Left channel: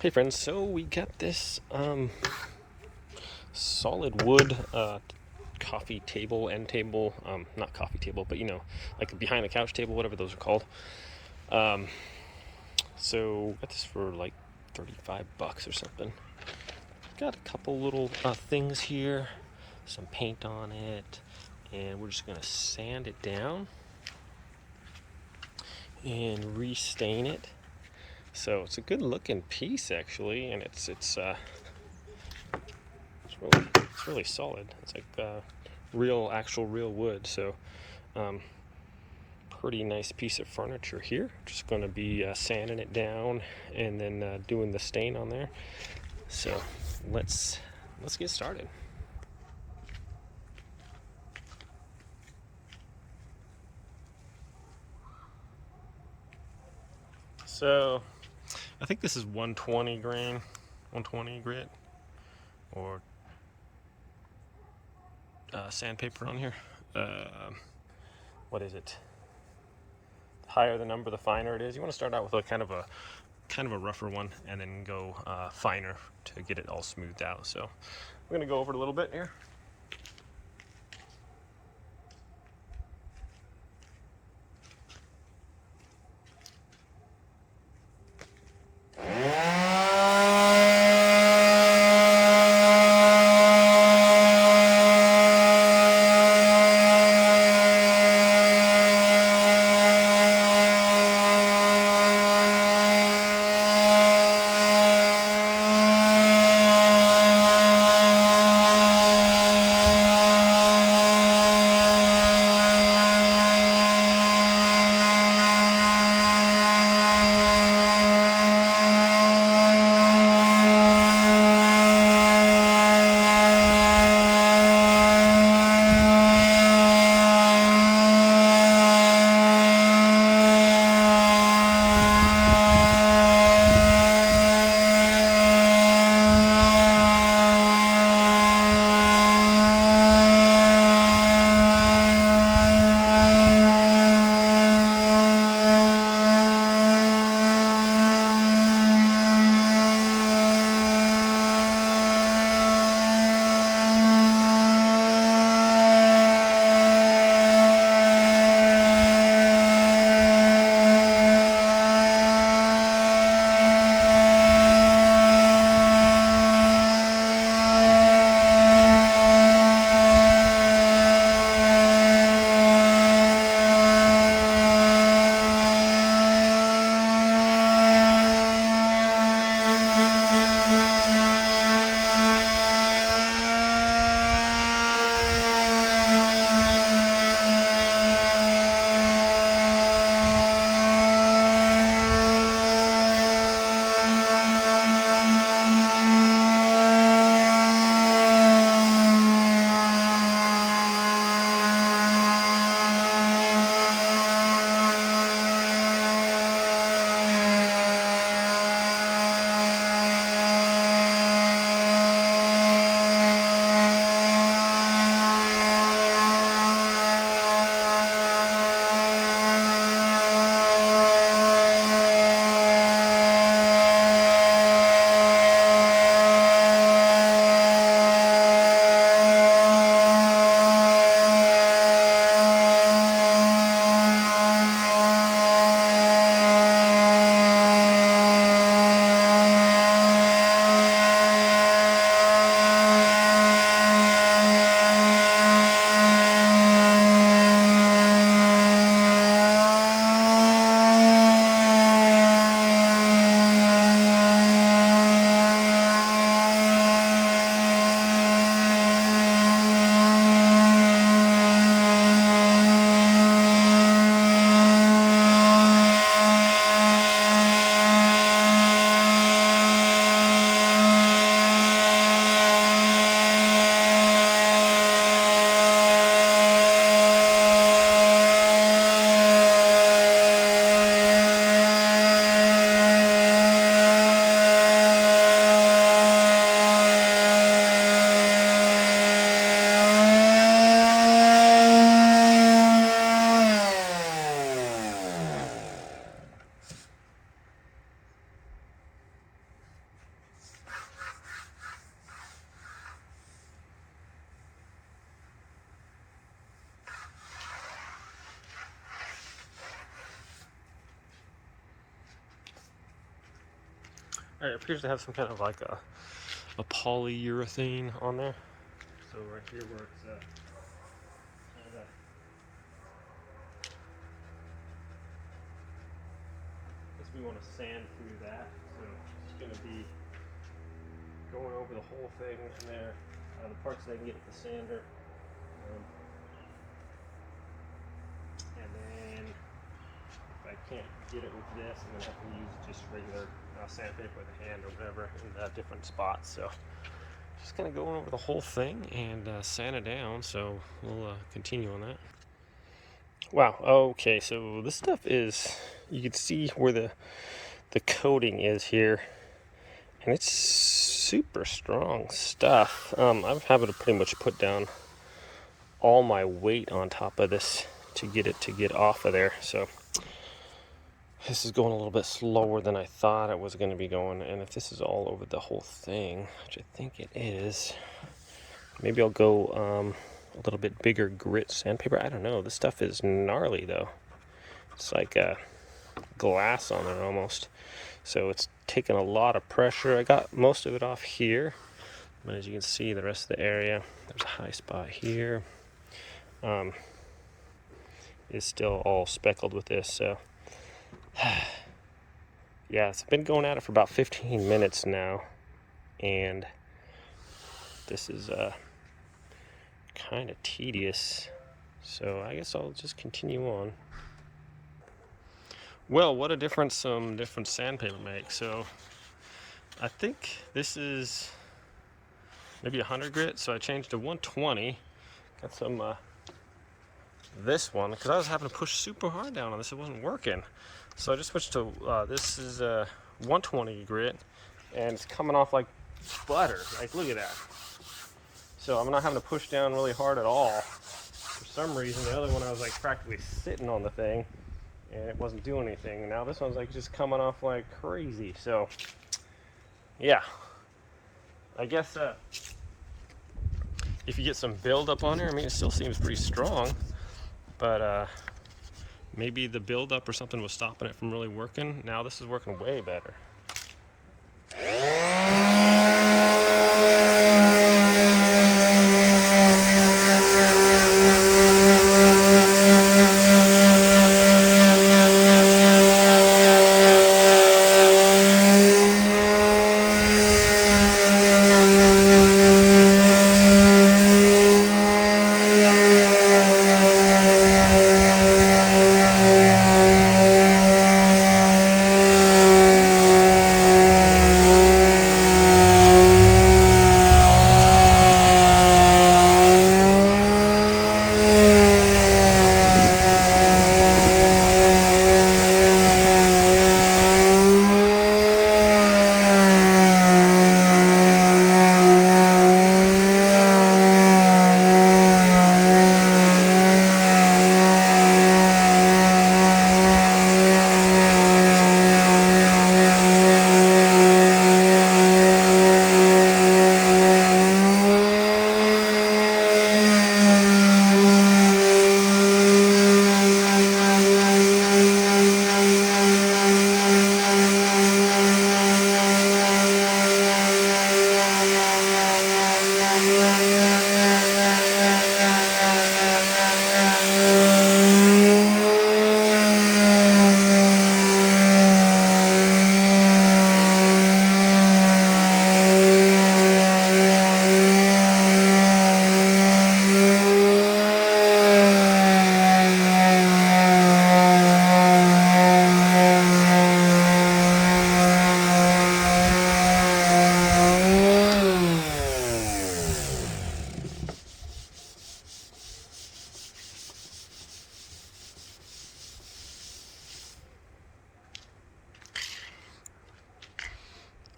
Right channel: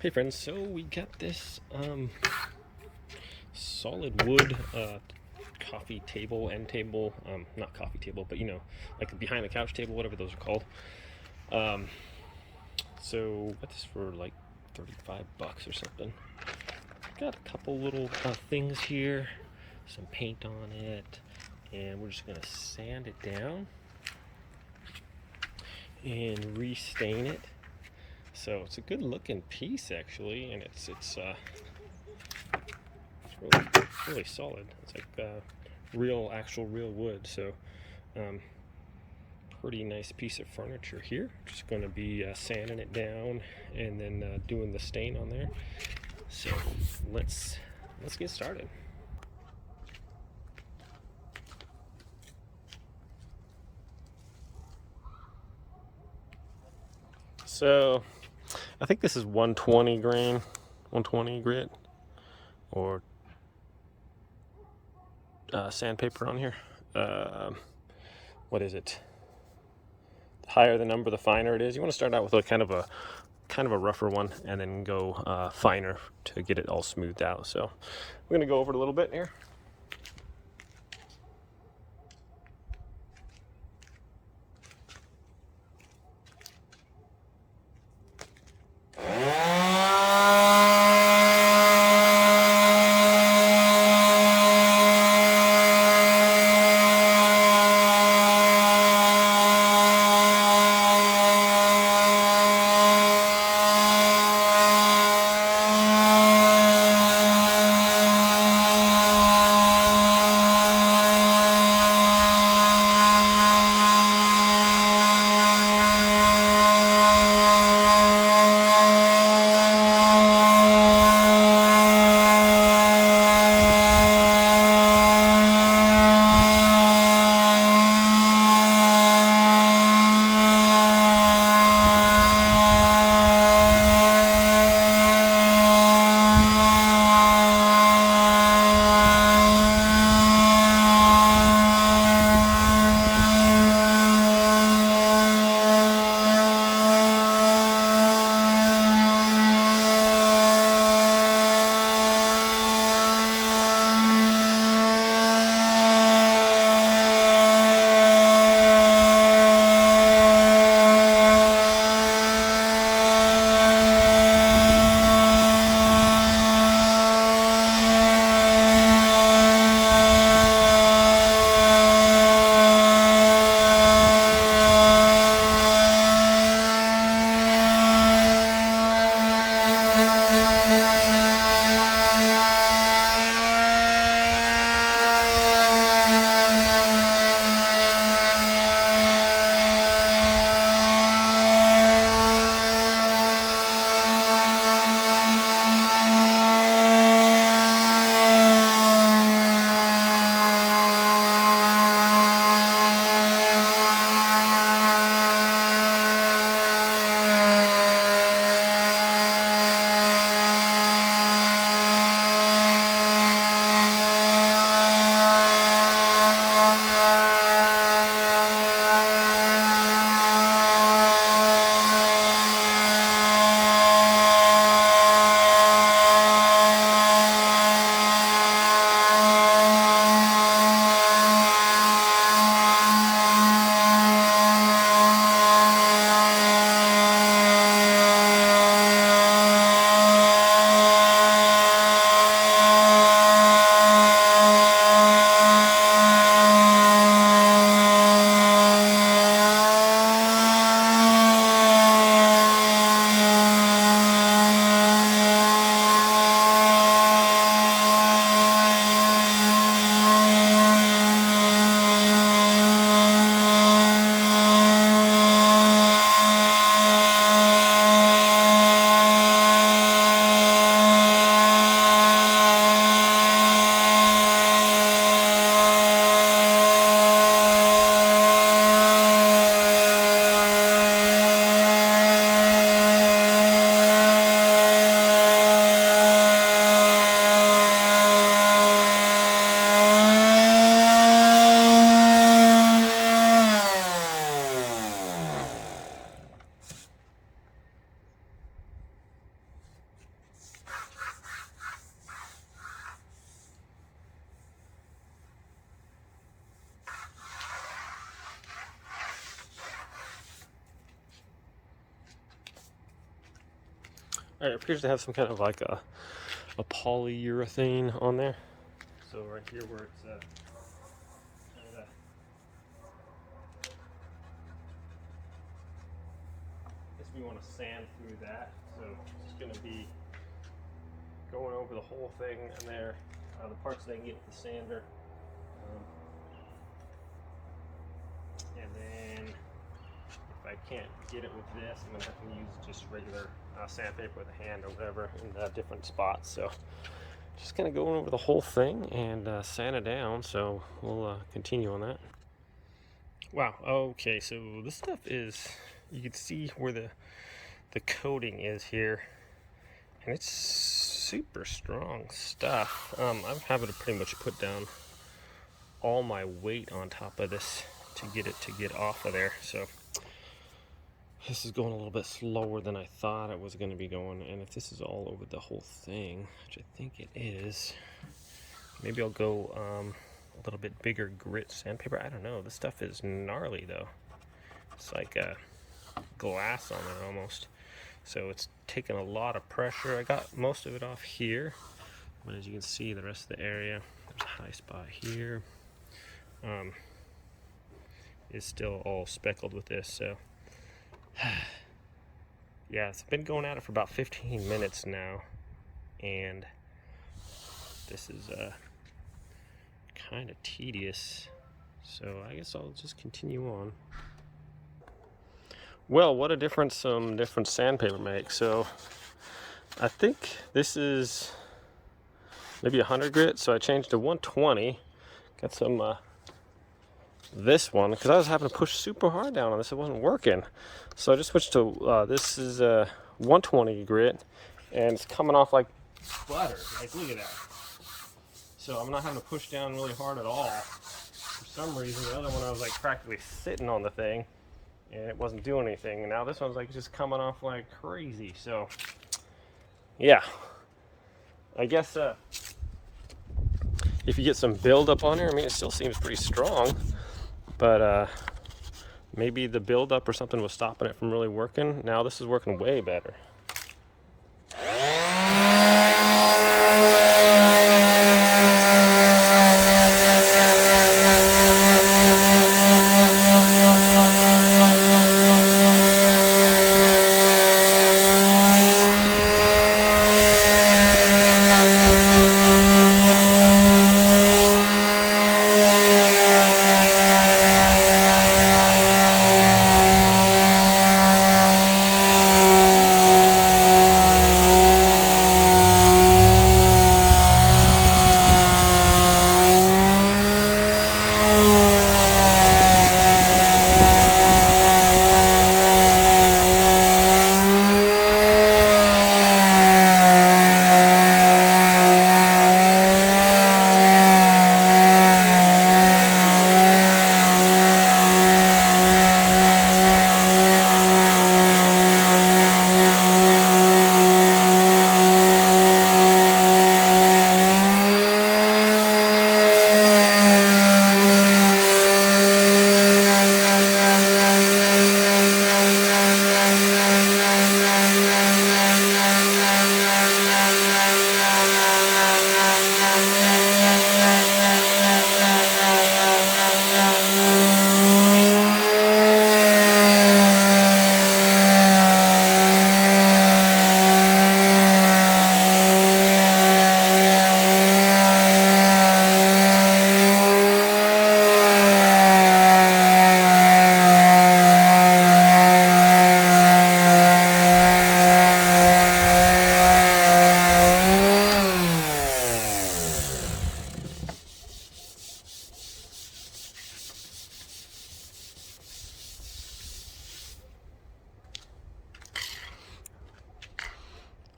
Hey friends, so we got this solid wood coffee table, end table, not coffee table, but like a behind the couch table, whatever those are called. Um, so got this for like $35 or something. Got a couple little things here, some paint on it, and we're just gonna sand it down and restain it. So it's a good looking piece actually, and it's really solid. It's like actual real wood. So pretty nice piece of furniture here. Just going to be sanding it down and then doing the stain on there. So let's get started. So I think this is 120 grain, 120 grit, or sandpaper on here. What is it? The higher the number, the finer it is. You want to start out with a kind of a rougher one, and then go finer to get it all smoothed out. So we're gonna go over it a little bit here. It appears to have some kind of like a polyurethane on there. So right here where it's kind of, I guess we want to sand through that. So it's going to be going over the whole thing in there, the parts that I can get with the sander. And then if I can't get it with this, I'm going to have to use just regular sandpaper with a hand or whatever in different spots. So just going to go over the whole thing and sand it down. So we'll continue on that. Wow. Okay. So this stuff is, you can see where the coating is here, and it's super strong stuff. I'm having to pretty much put down all my weight on top of this to get off of there. So this is going a little bit slower than I thought it was going to be going. And if this is all over the whole thing, which I think it is, maybe I'll go a little bit bigger grit sandpaper. I don't know. This stuff is gnarly though. It's like glass on it almost. So it's taking a lot of pressure. I got most of it off here, but as you can see, the rest of the area, there's a high spot here. Is still all speckled with this. So yeah, it's been going at it for about 15 minutes now, and this is kind of tedious. So I guess I'll just continue on. Well, what a difference some different sandpaper makes. So I think this is maybe 100 grit, so I changed to 120. Got some this one because I was having to push super hard down on this. It wasn't working, so I just switched to this is 120 grit, and it's coming off like butter. Like, look at that. So I'm not having to push down really hard at all. For some reason, the other one I was like practically sitting on the thing, and it wasn't doing anything. And now this one's like just coming off like crazy. So yeah, I guess if you get some buildup on here, I mean, it still seems pretty strong, but maybe the buildup or something was stopping it from really working. Now this is working way better.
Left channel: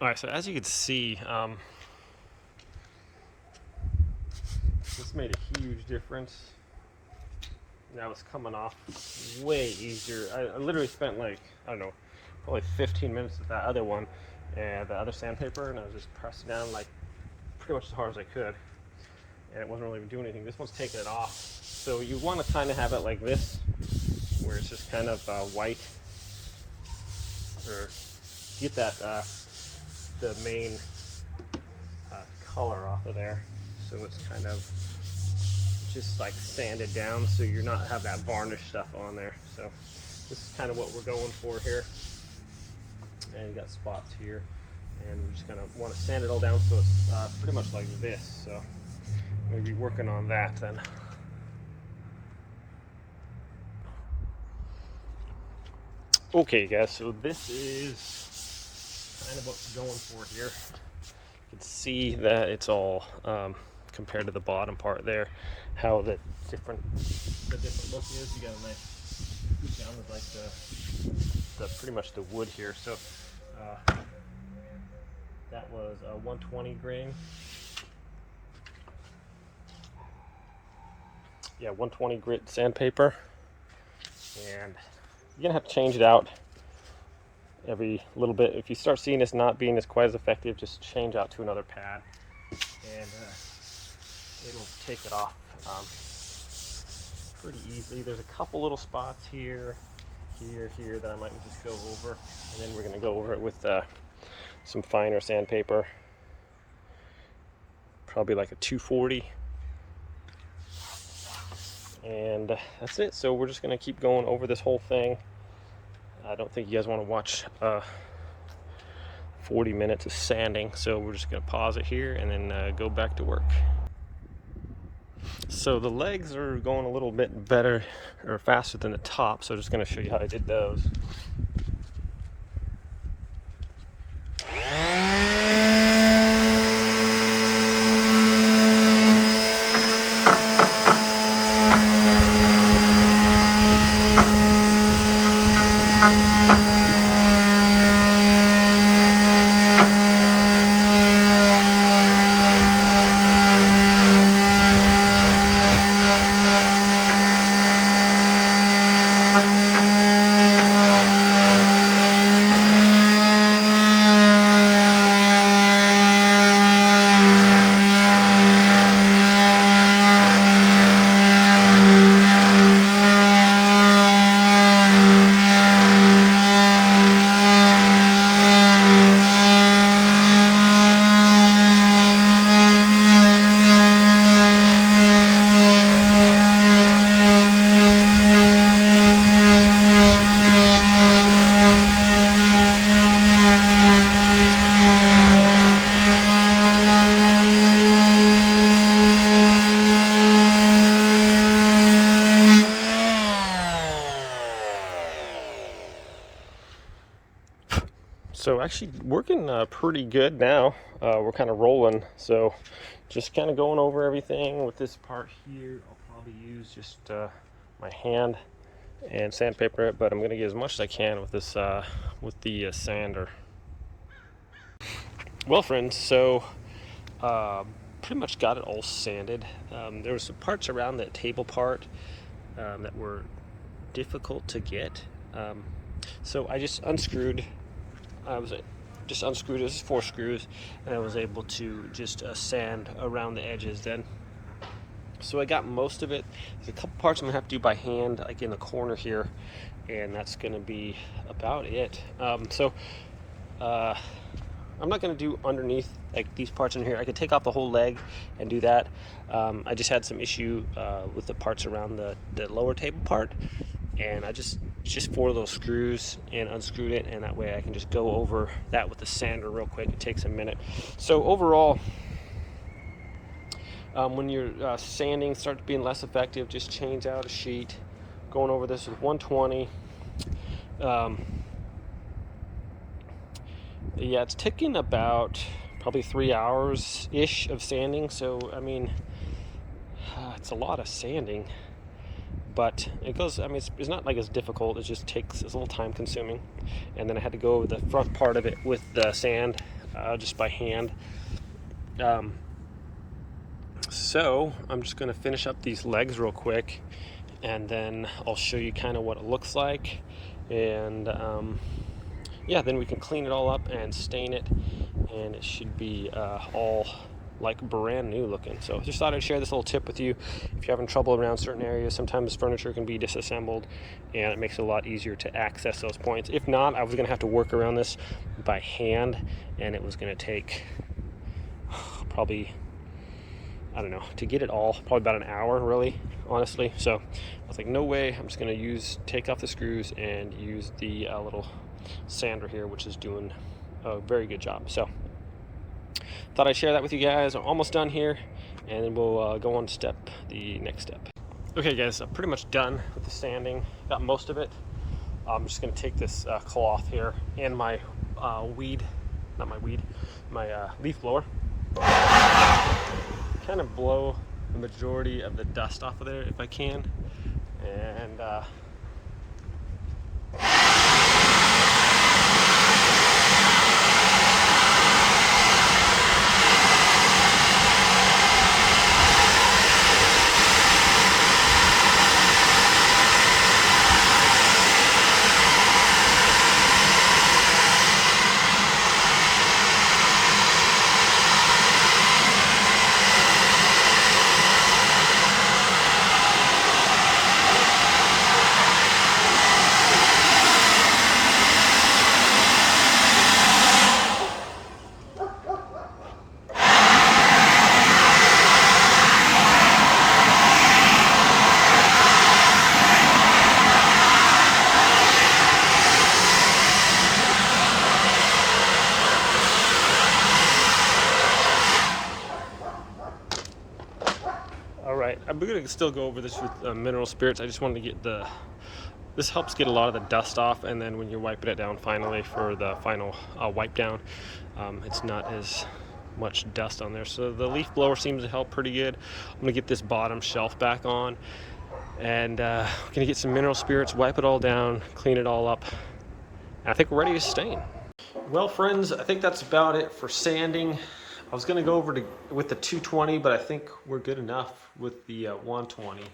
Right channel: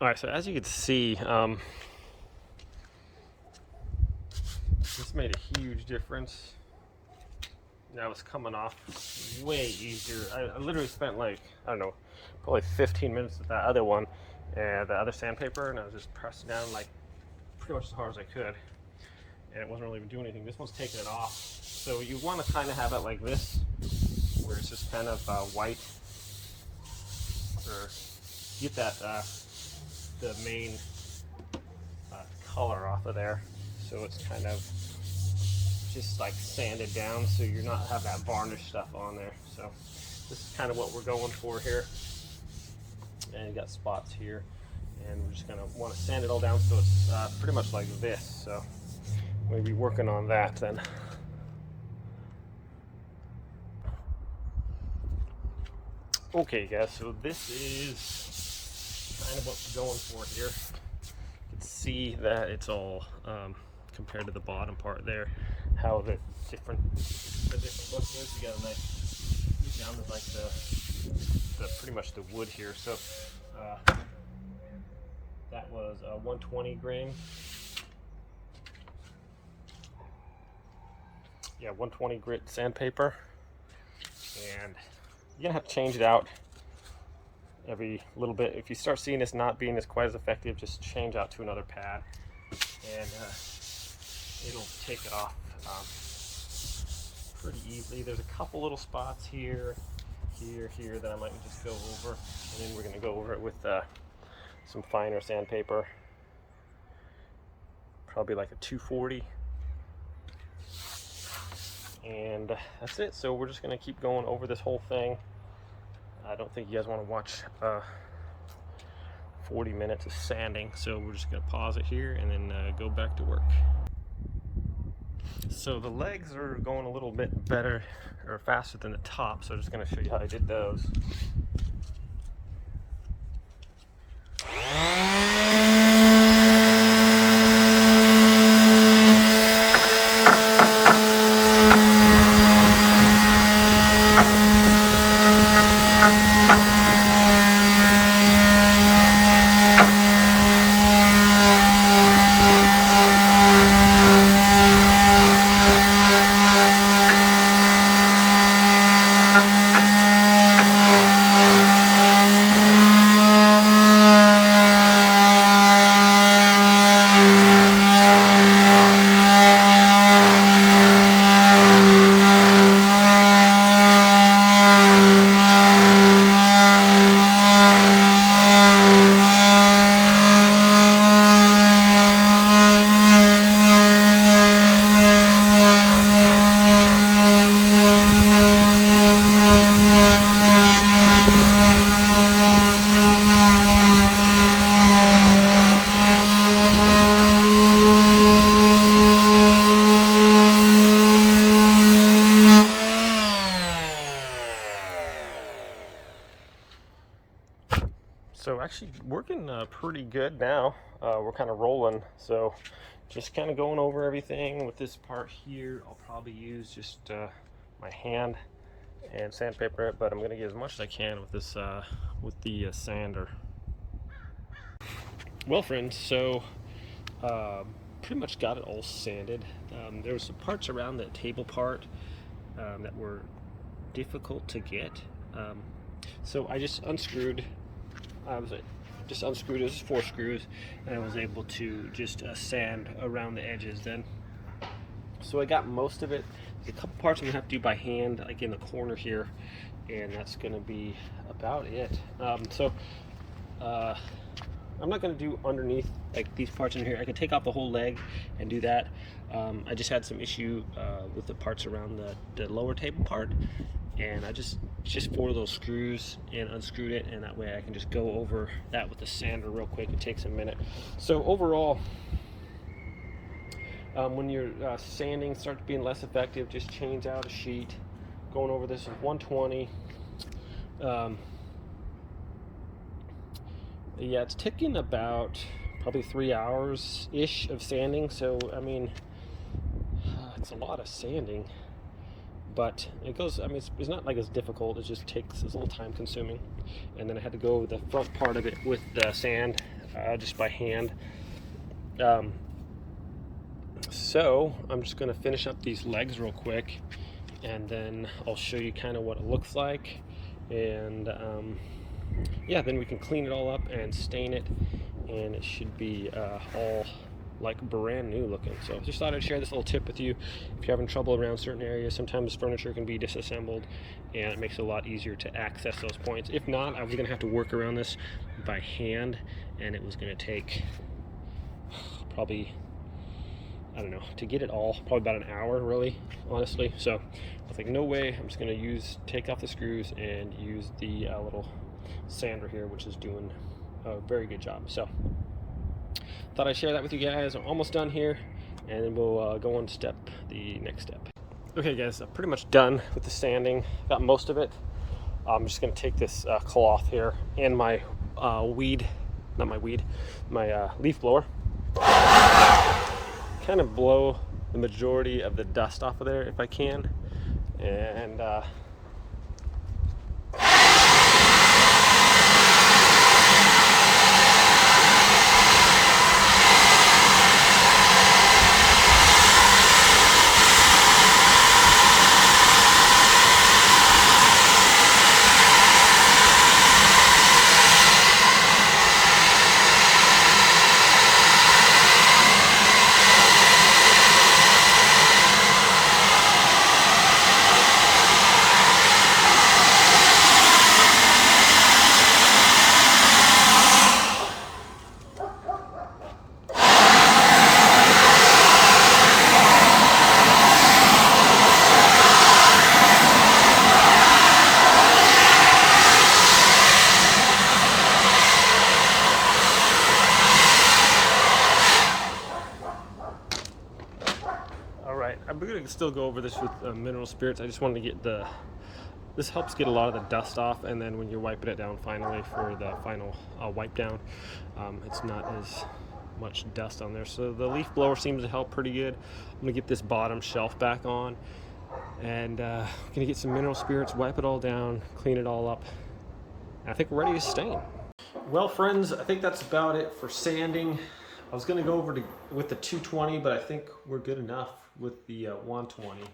All right, so as you can see, this made a huge difference. Now it's coming off way easier. I literally spent like, I don't know, probably 15 minutes with that other one and the other sandpaper, and I was just pressing down like pretty much as hard as I could, and it wasn't really even doing anything. This one's taking it off. So you want to kind of have it like this, where it's just kind of white, or get that the main color off of there, so it's kind of just like sanded down, so you're not have that varnish stuff on there. So this is kind of what we're going for here. And you got spots here, and we're just gonna want to sand it all down so it's pretty much like this. So we'll be working on that then. Okay guys, so this is kind of what we're going for here. You can see that it's all compared to the bottom part there, how the different look is. You got a nice down to like the pretty much the wood here. So that was a 120 grain. Yeah, 120 grit sandpaper, and you're gonna have to change it out every little bit. If you start seeing this not being as quite as effective, just change out to another pad, and it'll take it off pretty easily. There's a couple little spots here that I might just go over, and then we're going to go over it with some finer sandpaper, probably like a 240, and that's it. So we're just going to keep going over this whole thing. I don't think you guys want to watch 40 minutes of sanding, so we're just going to pause it here and then go back to work. So the legs are going a little bit better or faster than the top, so I'm just going to show you how I did those. So actually working pretty good now. We're kind of rolling, so just kind of going over everything. With this part here, I'll probably use just my hand and sandpaper it, but I'm going to get as much as I can with this with the sander. Well friends, so pretty much got it all sanded. There were some parts around that table part that were difficult to get, so I just unscrewed. It was 4 screws, and I was able to just sand around the edges then. So I got most of it. There's a couple parts I'm gonna have to do by hand, like in the corner here, and that's gonna be about it. I'm not gonna do underneath, like these parts in here. I could take off the whole leg and do that. I just had some issue with the parts around the lower table part, and I just 4 of those screws and unscrewed it, and that way I can just go over that with the sander real quick. It takes a minute. So overall, when your sanding starts being less effective, just change out a sheet. Going over this with 120. Yeah, it's taking about probably 3 hours ish of sanding, so I mean it's a lot of sanding. But it goes, I mean, it's not like it's difficult, it just takes, it's a little time consuming. And then I had to go over the front part of it with the sand, just by hand. So I'm just gonna finish up these legs real quick, and then I'll show you kind of what it looks like. And yeah, then we can clean it all up and stain it, and it should be all like brand new looking. So just thought I'd share this little tip with you. If you're having trouble around certain areas, sometimes furniture can be disassembled and it makes it a lot easier to access those points. If not, I was gonna have to work around this by hand, and it was gonna take probably, I don't know, to get it all, probably about an hour, really, honestly. So I was like, no way, I'm just gonna take off the screws and use the little sander here, which is doing a very good job. So thought I'd share that with you guys. I'm almost done here, and then we'll go on to the next step. Okay guys, I'm pretty much done with the sanding, got most of it. I'm just gonna take this cloth here and my leaf blower, kind of blow the majority of the dust off of there if I can, and I'm going to still go over this with mineral spirits. I just wanted to get this helps get a lot of the dust off, and then when you're wiping it down finally for the final wipe down, it's not as much dust on there. So the leaf blower seems to help pretty good. I'm going to get this bottom shelf back on, and we're going to get some mineral spirits, wipe it all down, clean it all up, and I think we're ready to stain. Well friends, I think that's about it for sanding. I was going to go over with the 220, but I think we're good enough with the 120.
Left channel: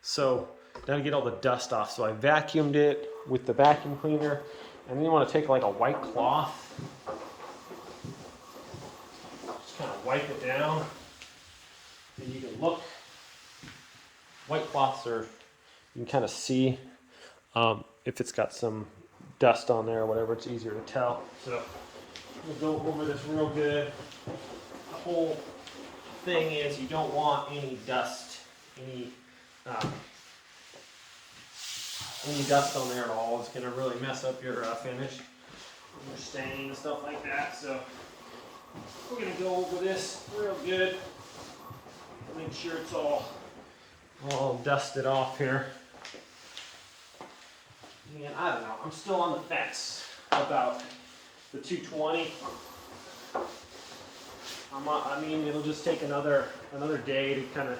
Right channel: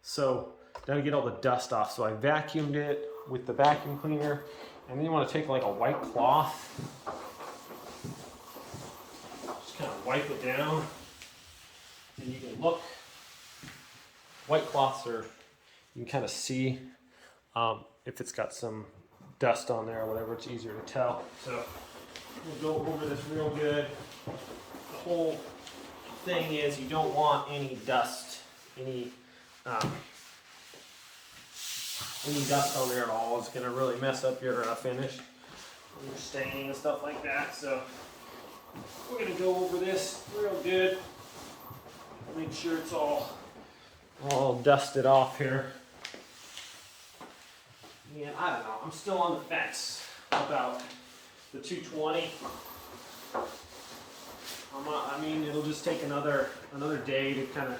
So now to get all the dust off, so I vacuumed it with the vacuum cleaner, and then you want to take like a white cloth, just kind of wipe it down, and you can look. White cloths are, you can kind of see if it's got some dust on there or whatever, it's easier to tell. So we'll go over this real good. The whole thing is you don't want any dust, any dust on there at all. It's going to really mess up your finish, your stain and stuff like that. So we're going to go over this real good. Make sure it's all dusted off here. And I don't know, I'm still on the fence about the 220. I mean, it'll just take another day to kind of.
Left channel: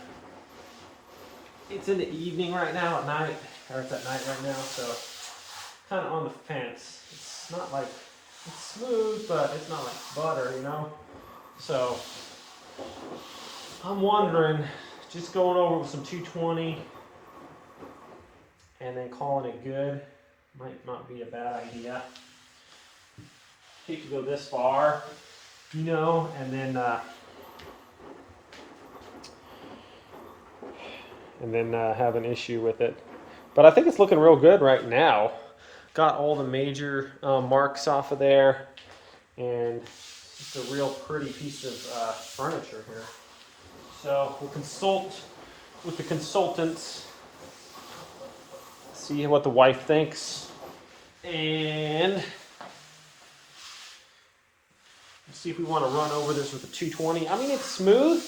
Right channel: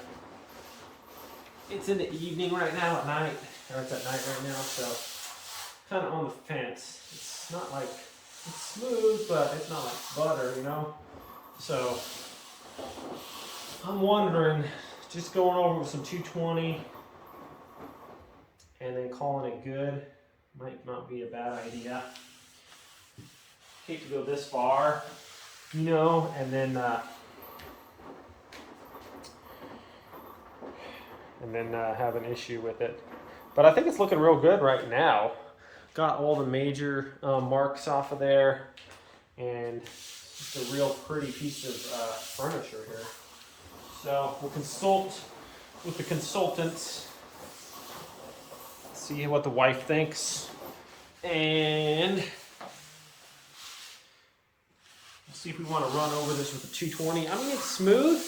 It's in the evening right now at night, or it's at night right now, so kind of on the fence. It's not like it's smooth, but it's not like butter, you know. So I'm wondering, just going over with some 220 and then calling it good might not be a bad idea. Hate to go this far, you know, and then have an issue with it. But I think it's looking real good right now. Got all the major marks off of there, and just a real pretty piece of furniture here. So we'll consult with the consultants, see what the wife thinks, and see if we want to run over this with a 220. I mean, it's smooth.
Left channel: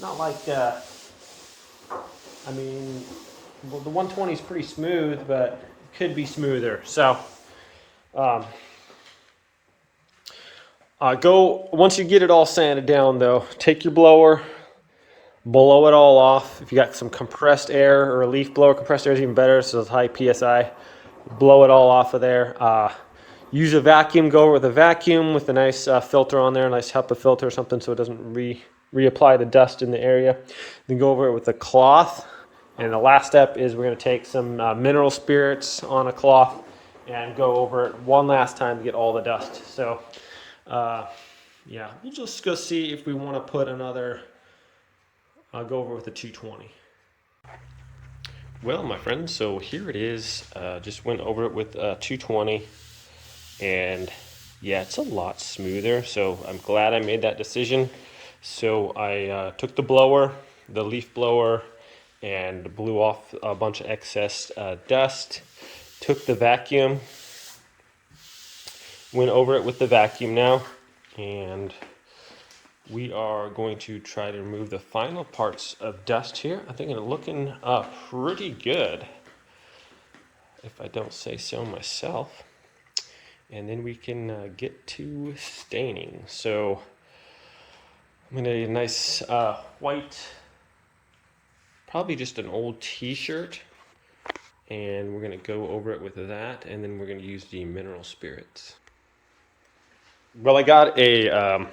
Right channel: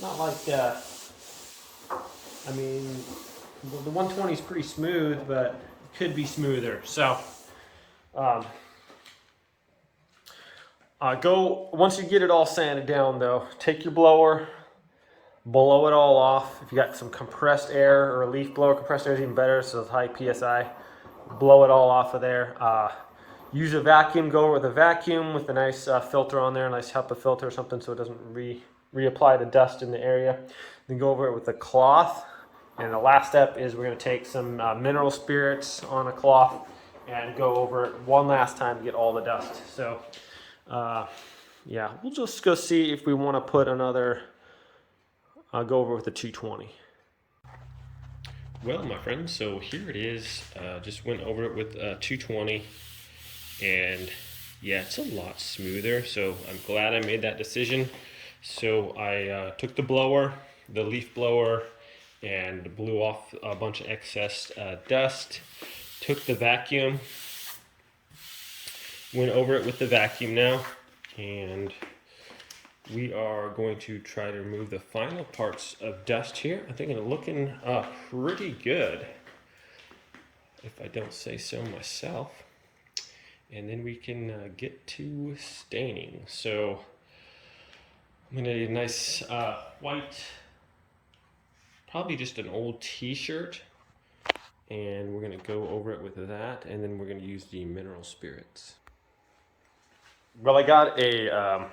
Not like, I mean, well, the 120 is pretty smooth, but it could be smoother. So, once you get it all sanded down though, take your blower, blow it all off. If you got some compressed air or a leaf blower, compressed air is even better, so it's high PSI. Blow it all off of there. Use a vacuum, go over with a vacuum with a nice filter on there, a nice HEPA filter or something so it doesn't reapply the dust in the area. Then go over it with a cloth. And the last step is we're going to take some mineral spirits on a cloth and go over it one last time to get all the dust. So yeah, we'll just go see if we want to put another, I'll go over with the 220. Well, my friends, so here it is. Just went over it with 220, and yeah, it's a lot smoother. So I'm glad I made that decision. So I took the blower, the leaf blower, and blew off a bunch of excess dust. Took the vacuum, went over it with the vacuum now, and we are going to try to remove the final parts of dust here. I think it's looking pretty good, if I don't say so myself. And then we can get to staining. So I'm gonna do a nice white, probably just an old t-shirt, and we're gonna go over it with that, and then we're gonna use the mineral spirits. Well, I got a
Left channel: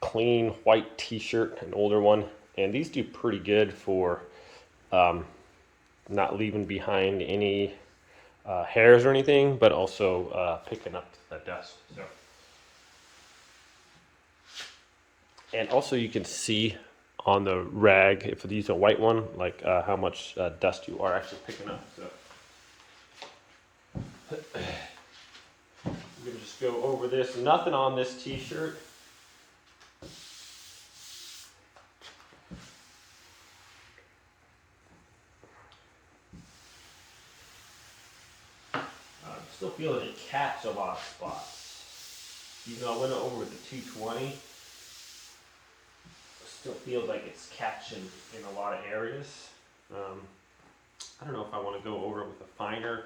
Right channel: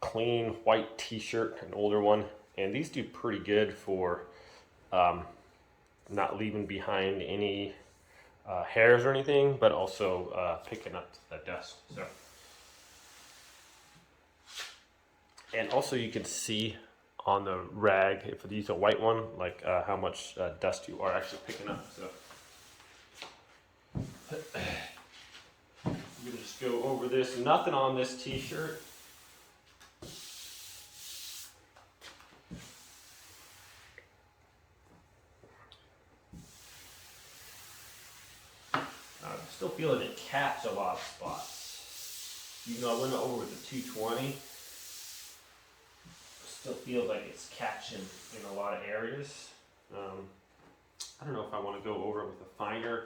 clean white t-shirt, an older one, and these do pretty good for not leaving behind any hairs or anything, but also picking up the dust. So, and also you can see on the rag, if you use a white one, like how much dust you are actually picking up. So I'm gonna just go over this. Nothing on this t-shirt. I'm still feeling it caps a lot of spots. Even though I went over with the 220, it still feels like it's catching in a lot of areas. I don't know if I want to go over it with a finer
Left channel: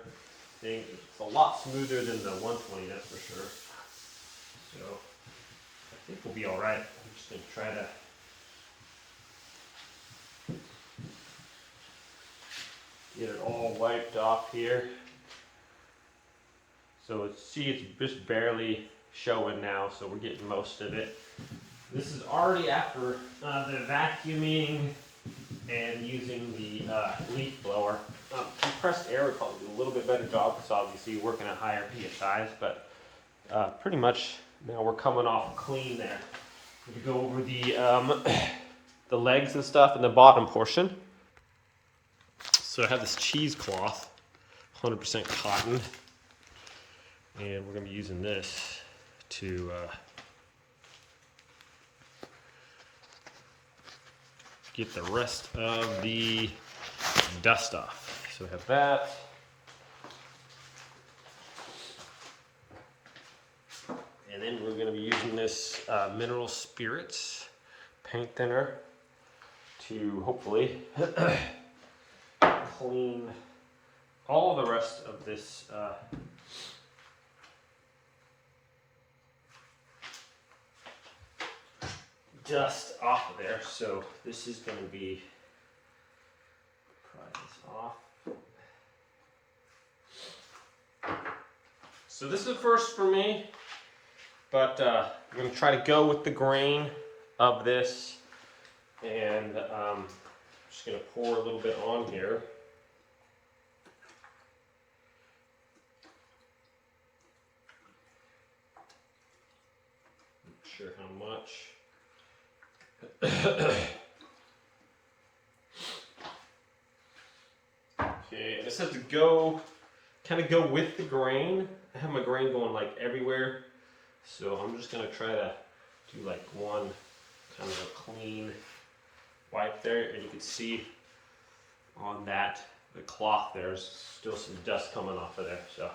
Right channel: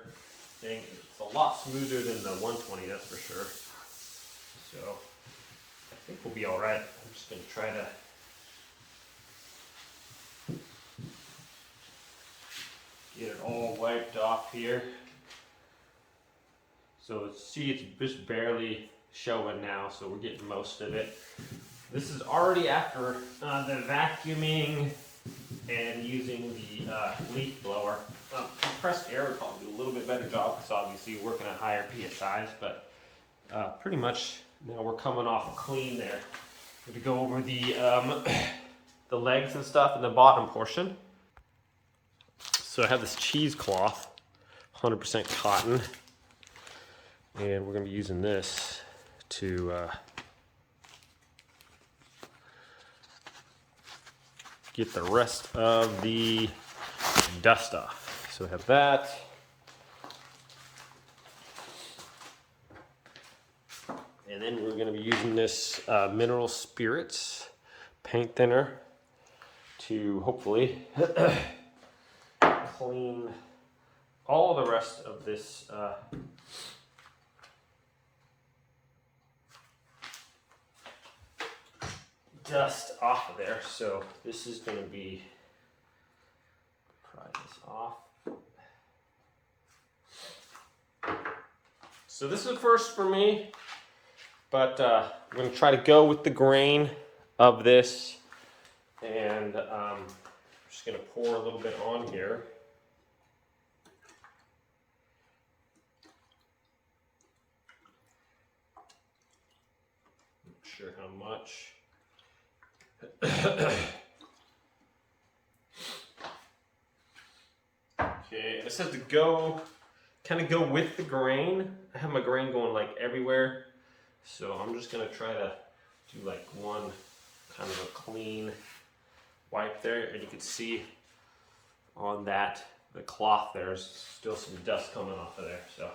thing. It's a lot smoother than the 120, that's for sure. So I think we'll be all right. I'm just going to try to get it all wiped off here. So let's see, it's just barely showing now, so we're getting most of it. This is already after the vacuuming and using the leaf blower. Compressed air would probably do a little bit better job because obviously you're working at higher PSIs, but pretty much now we're coming off clean there. I'm going to go over the legs and stuff in the bottom portion. So I have this cheesecloth, 100% cotton, and we're going to be using this to get the rest of the dust off. So we have that. And then we're going to be using this mineral spirits paint thinner to hopefully clean all the rest of this dust off of there. So this is going to be, pry this off. So this is a first for me, but I'm going to try to go with the grain of this, and I'm just going to pour a little bit on here. Not sure how much. Okay, and it says to go, kind of go with the grain. I have my grain going like everywhere, so I'm just gonna try to do like one kind of a clean wipe there, and you can see on that, the cloth, there's still some dust coming off of there. So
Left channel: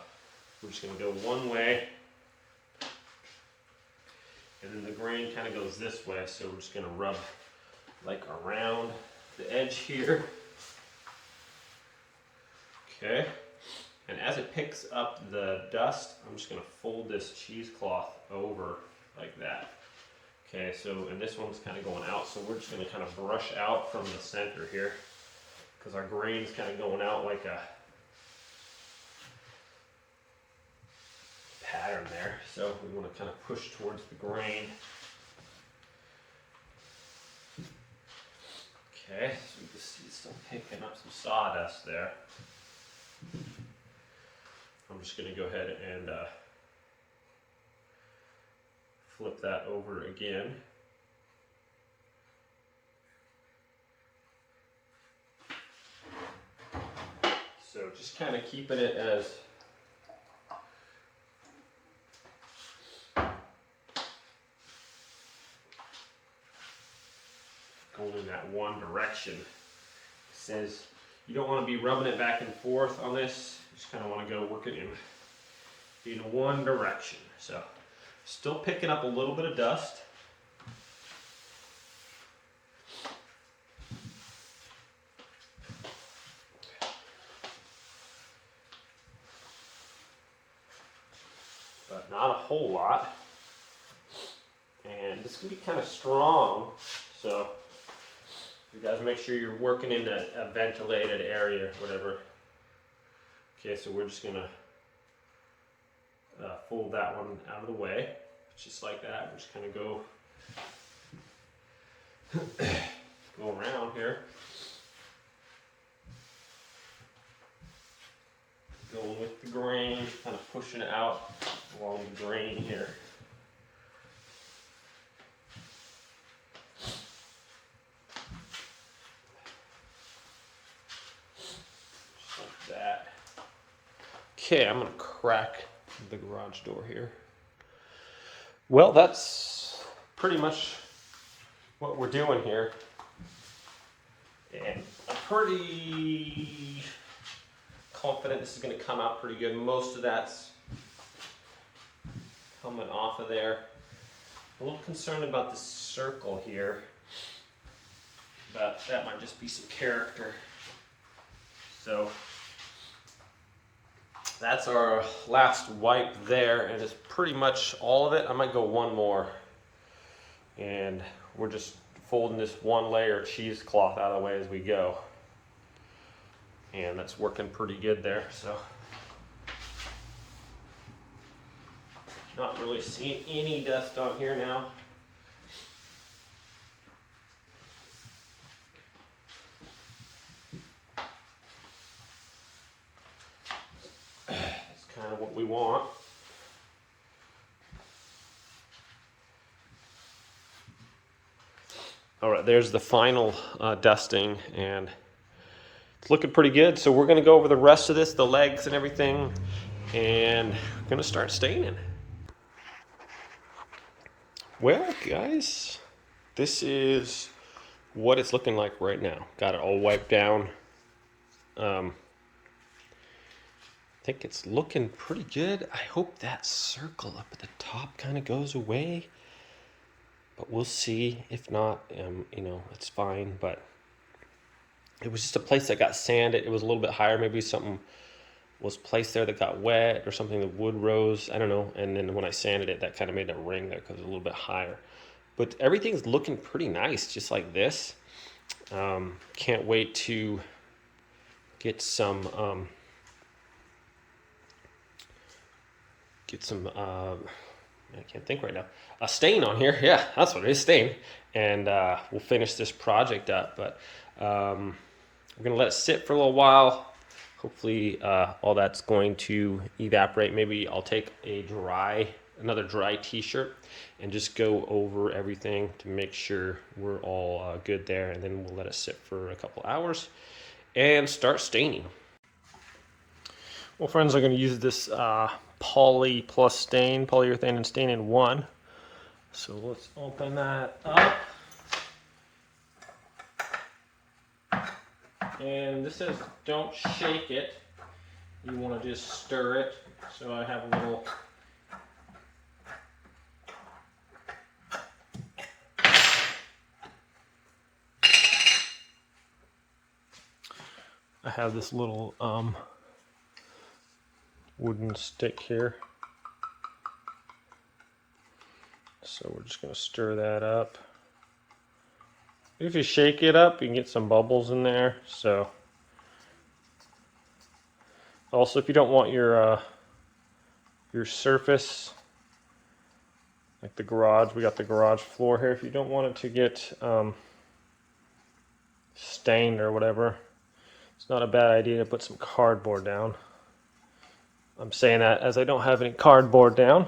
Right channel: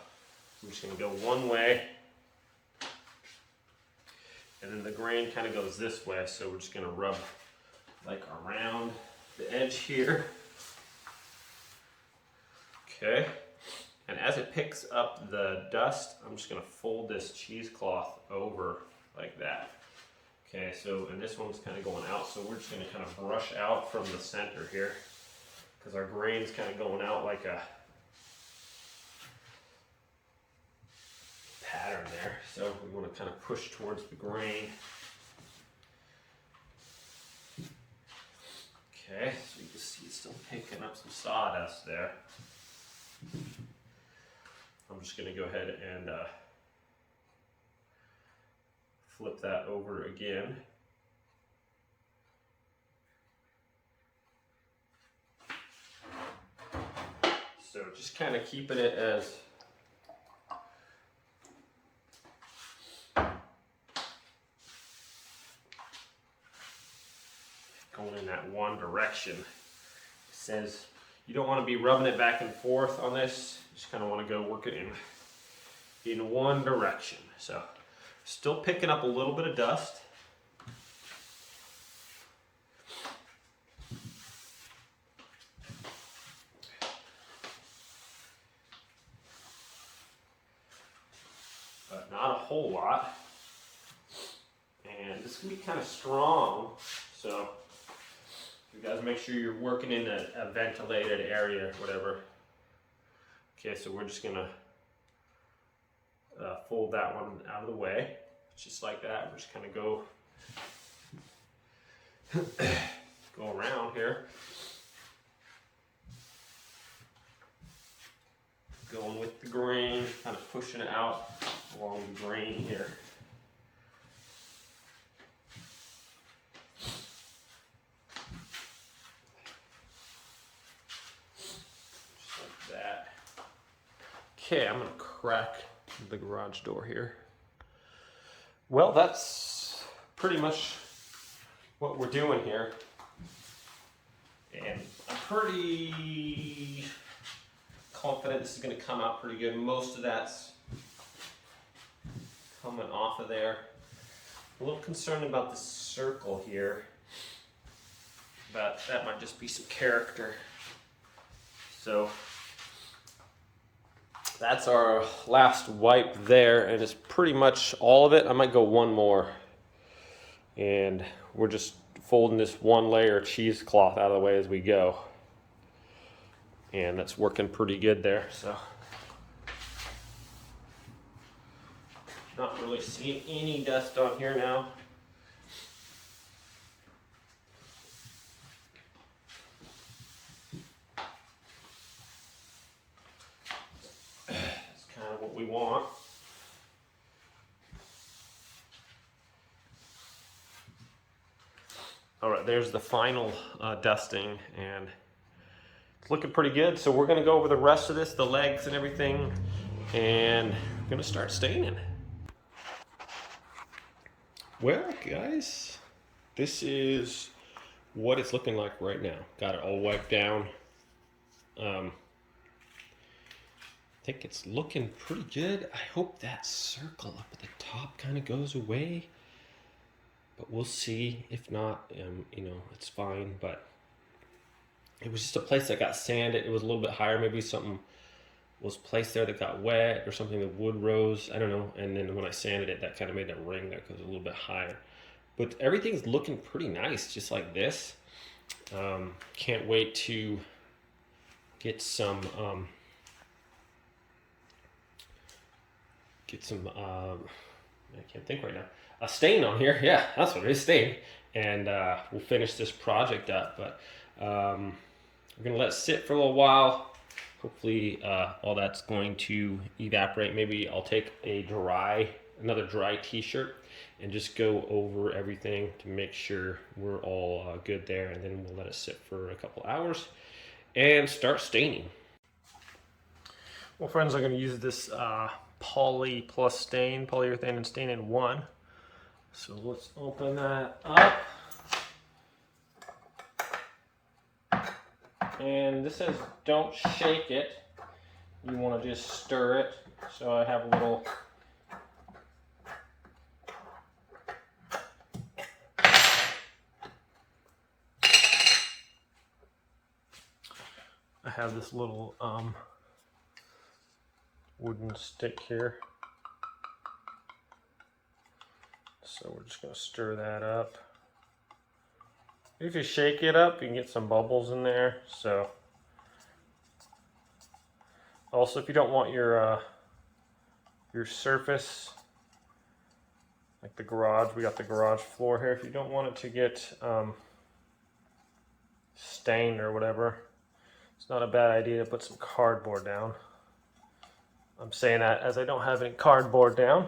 we're just gonna go one way, and then the grain kind of goes this way, so we're just gonna rub like around the edge here. Okay, and as it picks up the dust, I'm just gonna fold this cheesecloth over like that. Okay, so, and this one's kind of going out, so we're just gonna kind of brush out from the center here, because our grain's kind of going out like a pattern there. So we want to kind of push towards the grain. Okay, so you can see it's still picking up some sawdust there. I'm just going to go ahead and flip that over again. So just kind of keeping it as going in that one direction. It says you don't want to be rubbing it back and forth on this. You just kind of want to go work it in one direction. So still picking up a little bit of dust. But not a whole lot. And this can be kind of strong, so you guys make sure you're working in a ventilated area, whatever. Okay, so we're just gonna fold that one out of the way, just like that. We're just kind of go around here, going with the grain, kind of pushing it out along the grain here. Just like that. Okay, I'm gonna crack the garage door here. Well, that's pretty much what we're doing here. And I'm pretty confident this is going to come out pretty good. Most of that's coming off of there. A little concerned about the circle here, but that might just be some character. So that's our last wipe there, and it's pretty much all of it. I might go one more, and we're just folding this one layer of cheesecloth out of the way as we go, and that's working pretty good there. So not really seeing any dust on here now. What we want. All right, there's the final dusting, and it's looking pretty good. So we're going to go over the rest of this, the legs and everything, and we're going to start staining. Well, guys, this is what it's looking like right now. Got it all wiped down. I think it's looking pretty good. I hope that circle up at the top kind of goes away, but we'll see. If not, you know, it's fine. But it was just a place that got sanded. It was a little bit higher. Maybe something was placed there that got wet or something. The wood rose. I don't know. And then when I sanded it, that kind of made a ring there because it was a little bit higher. But everything's looking pretty nice, just like this. Can't wait to get some. I can't think right now. A stain on here. Yeah, that's what it is, stain. And we'll finish this project up. But we're going to let it sit for a little while. Hopefully all that's going to evaporate. Maybe I'll take another dry t-shirt and just go over everything to make sure we're all good there. And then we'll let it sit for a couple hours and start staining. Well, friends, I'm going to use this poly plus stain, polyurethane and stain in one. So let's open that up. And this says don't shake it. You want to just stir it. So I have a little this little wooden stick here. So we're just going to stir that up. If you shake it up, you can get some bubbles in there. So also, if you don't want your surface, like the garage, we got the garage floor here. If you don't want it to get stained or whatever, it's not a bad idea to put some cardboard down. I'm saying that as I don't have any cardboard down,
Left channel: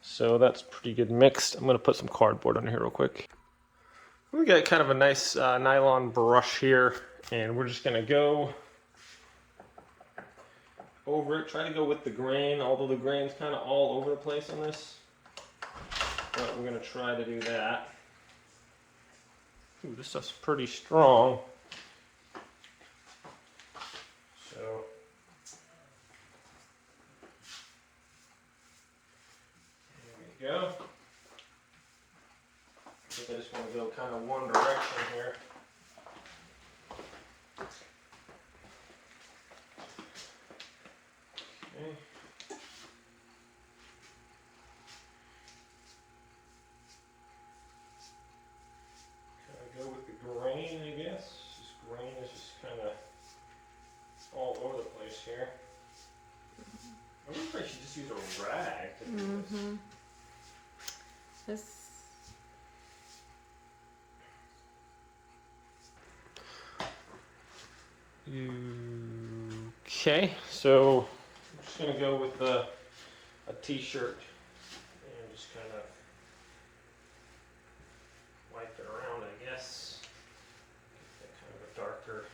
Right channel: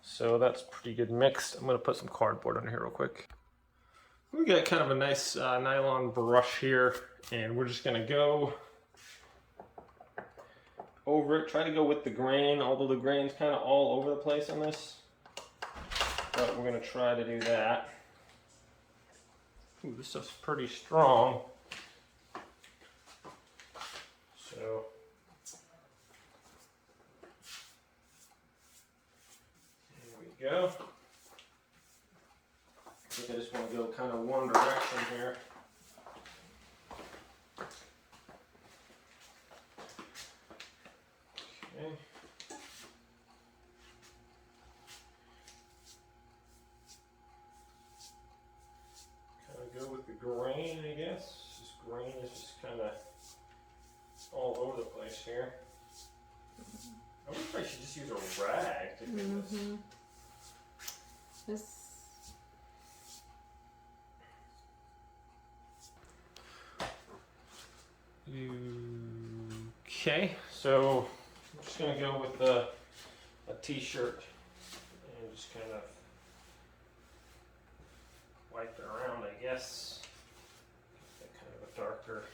So that's pretty good mixed. I'm gonna put some cardboard on here real quick. We got kind of a nice nylon brush here, and we're just gonna go over it. Try to go with the grain, although the grain's kind of all over the place on this. But we're gonna try to do that. Ooh, this stuff's pretty strong. So there we go. I think I just want to go kind of one direction here. Okay. Kind of go with the grain, I guess. This grain is just kind of all over the place here. I wonder if I should just use a rag to do this. Okay, so I'm just going to go with a t-shirt and just kind of wipe it around, I guess. Get that kind of a darker.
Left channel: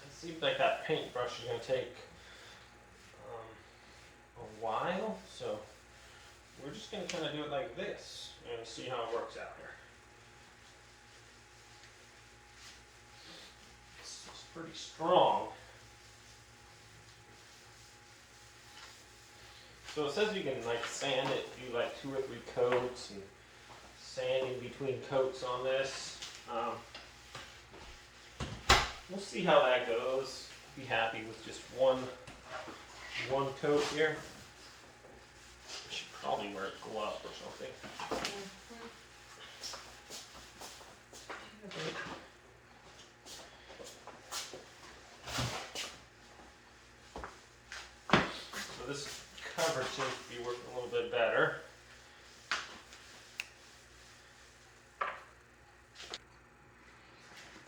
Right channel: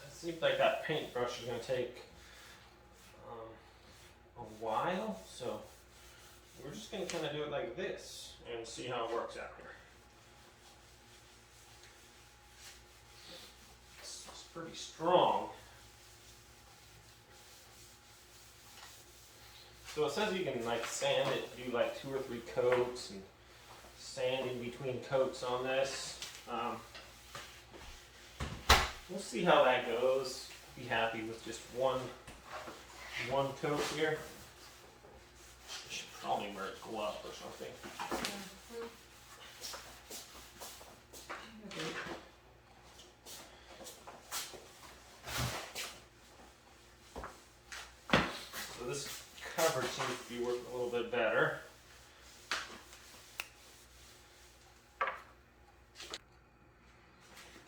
It seems like that paintbrush is going to take a while, so we're just going to kind of do it like this and see how it works out here. It's pretty strong. So it says you can like sand it, do like 2 or 3 coats and sanding between coats on this. We'll see how that goes. Be happy with just one coat here. I should probably wear a glove or something. So this cover seems to be working a little bit better.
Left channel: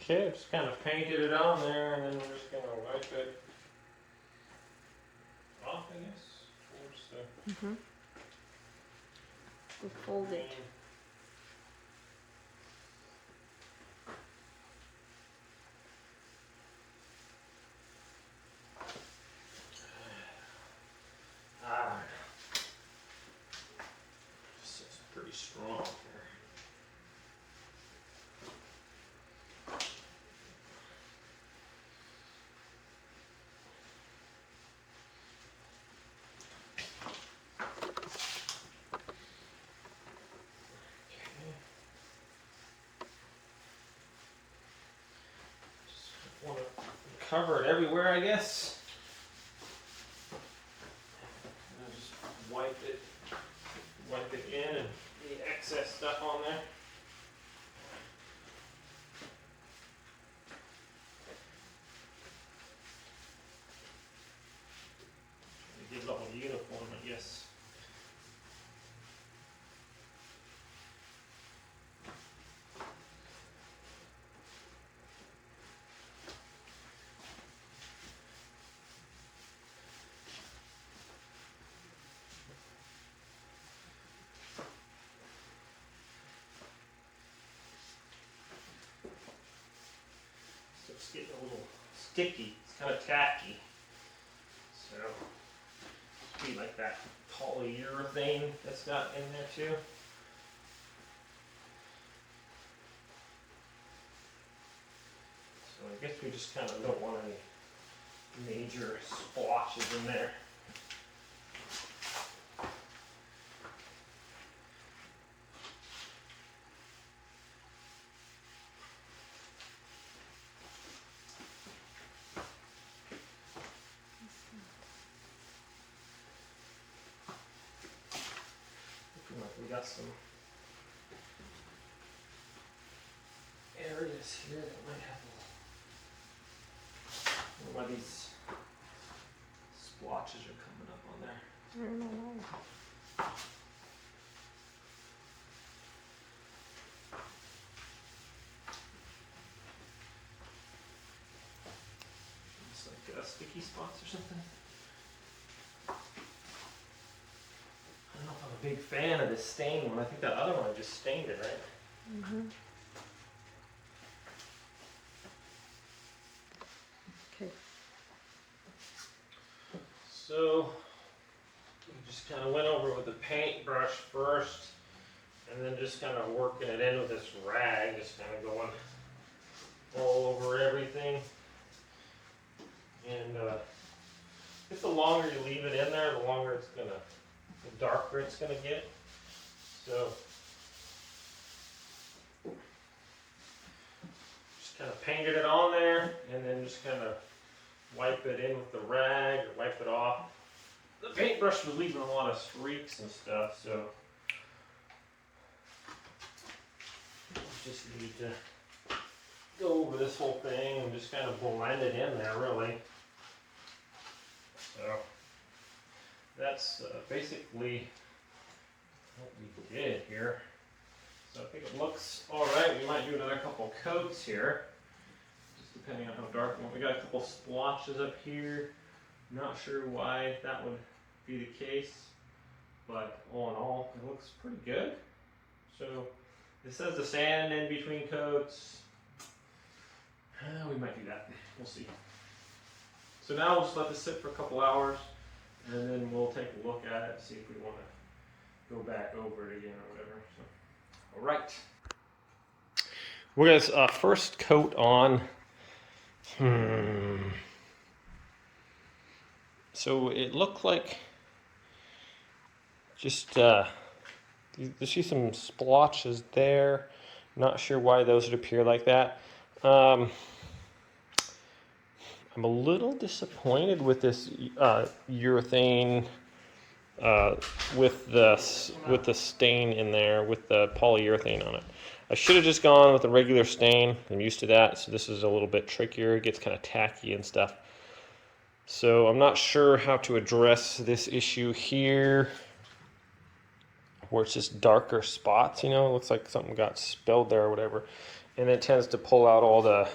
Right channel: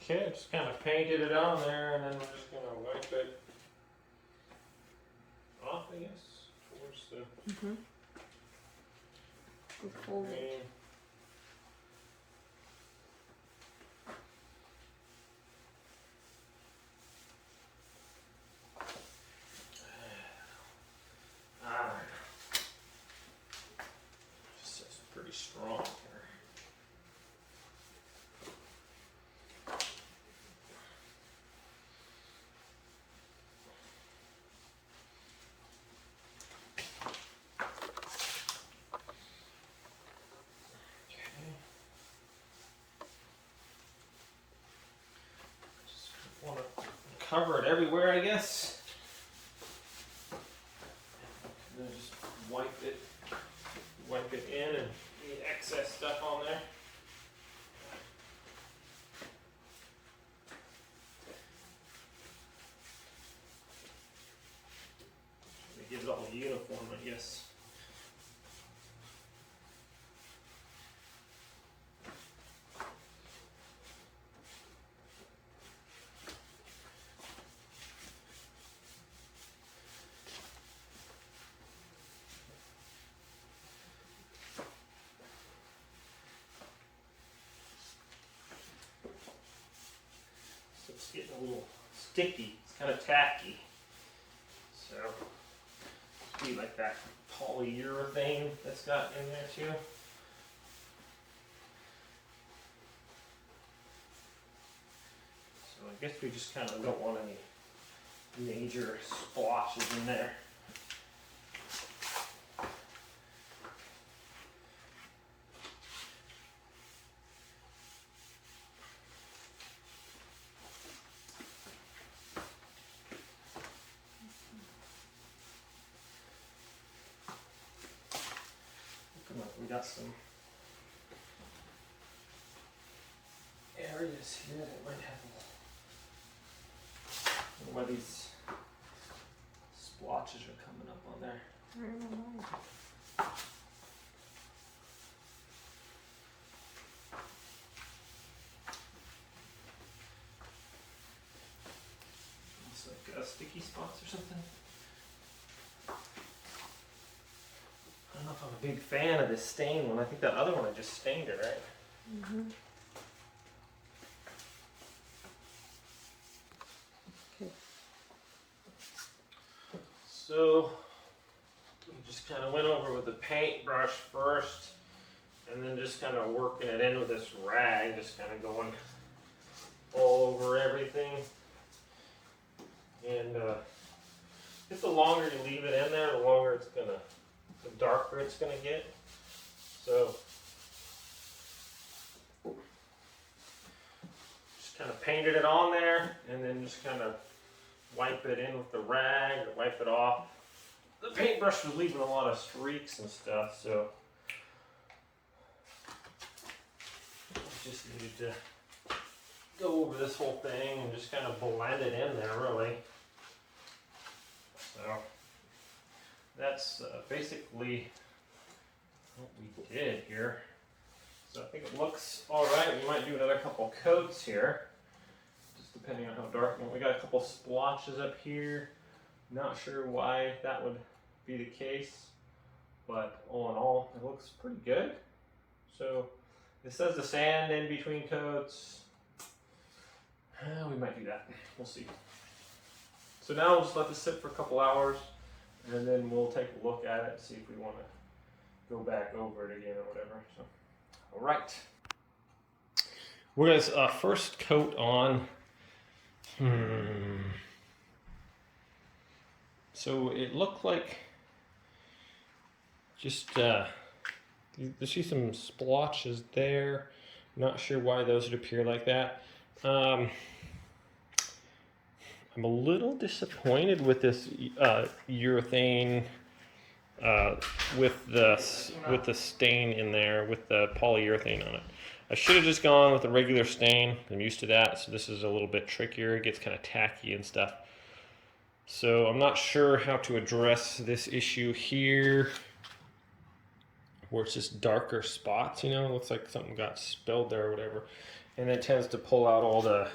Okay, just kind of painted it on there, and then we're just going to wipe it off, I guess, towards the And fold it. I don't know. This is pretty strong here. Want to cover it everywhere, I guess. And then just wipe it in and the excess stuff on there. Try to get it all uniform, I guess. So it's getting a little sticky. It's kind of tacky. So it'll be like that polyurethane that's got in there too. So I guess we just kind of don't want any major splotches in there. We got some areas here that might have I don't know why these splotches are coming up on there. sticky spots or something. I don't know if I'm a big fan of this stain one. I think that other one I just stained it, right? Mm-hmm. Okay. So we just kind of went over with the paintbrush first, and then just kind of working it in with this rag, just kind of going all over everything. And just the longer you leave it in there, the longer it's gonna, the darker it's gonna get. So just kind of painted it on there, and then just kind of wipe it in with the rag, or wipe it off. The paintbrush was leaving a lot of streaks and stuff, so just needed to go over this whole thing and just kind of blend it in there, really. So that's basically what we did here. So I think it looks all right. We might do another couple coats here, just depending on how dark. We got a couple splotches up here. Not sure why that would be the case, but all in all, it looks pretty good. So it says the sand in between coats. We might do that. We'll see. So now we'll just let this sit for a couple hours, and then we'll take a look at it, see if we want to go back over it again or whatever. So, all right. We're gonna first coat on. So it looked like just you see some splotches there. Not sure why those would appear like that. I'm a little disappointed with this urethane with the stain in there, with the polyurethane on it. I should have just gone with a regular stain. I'm used to that, so this is a little bit trickier. It gets kind of tacky and stuff. So I'm not sure how to address this issue here, where it's just darker spots, you know, it looks like something got spilled there or whatever. And it tends to pull out all the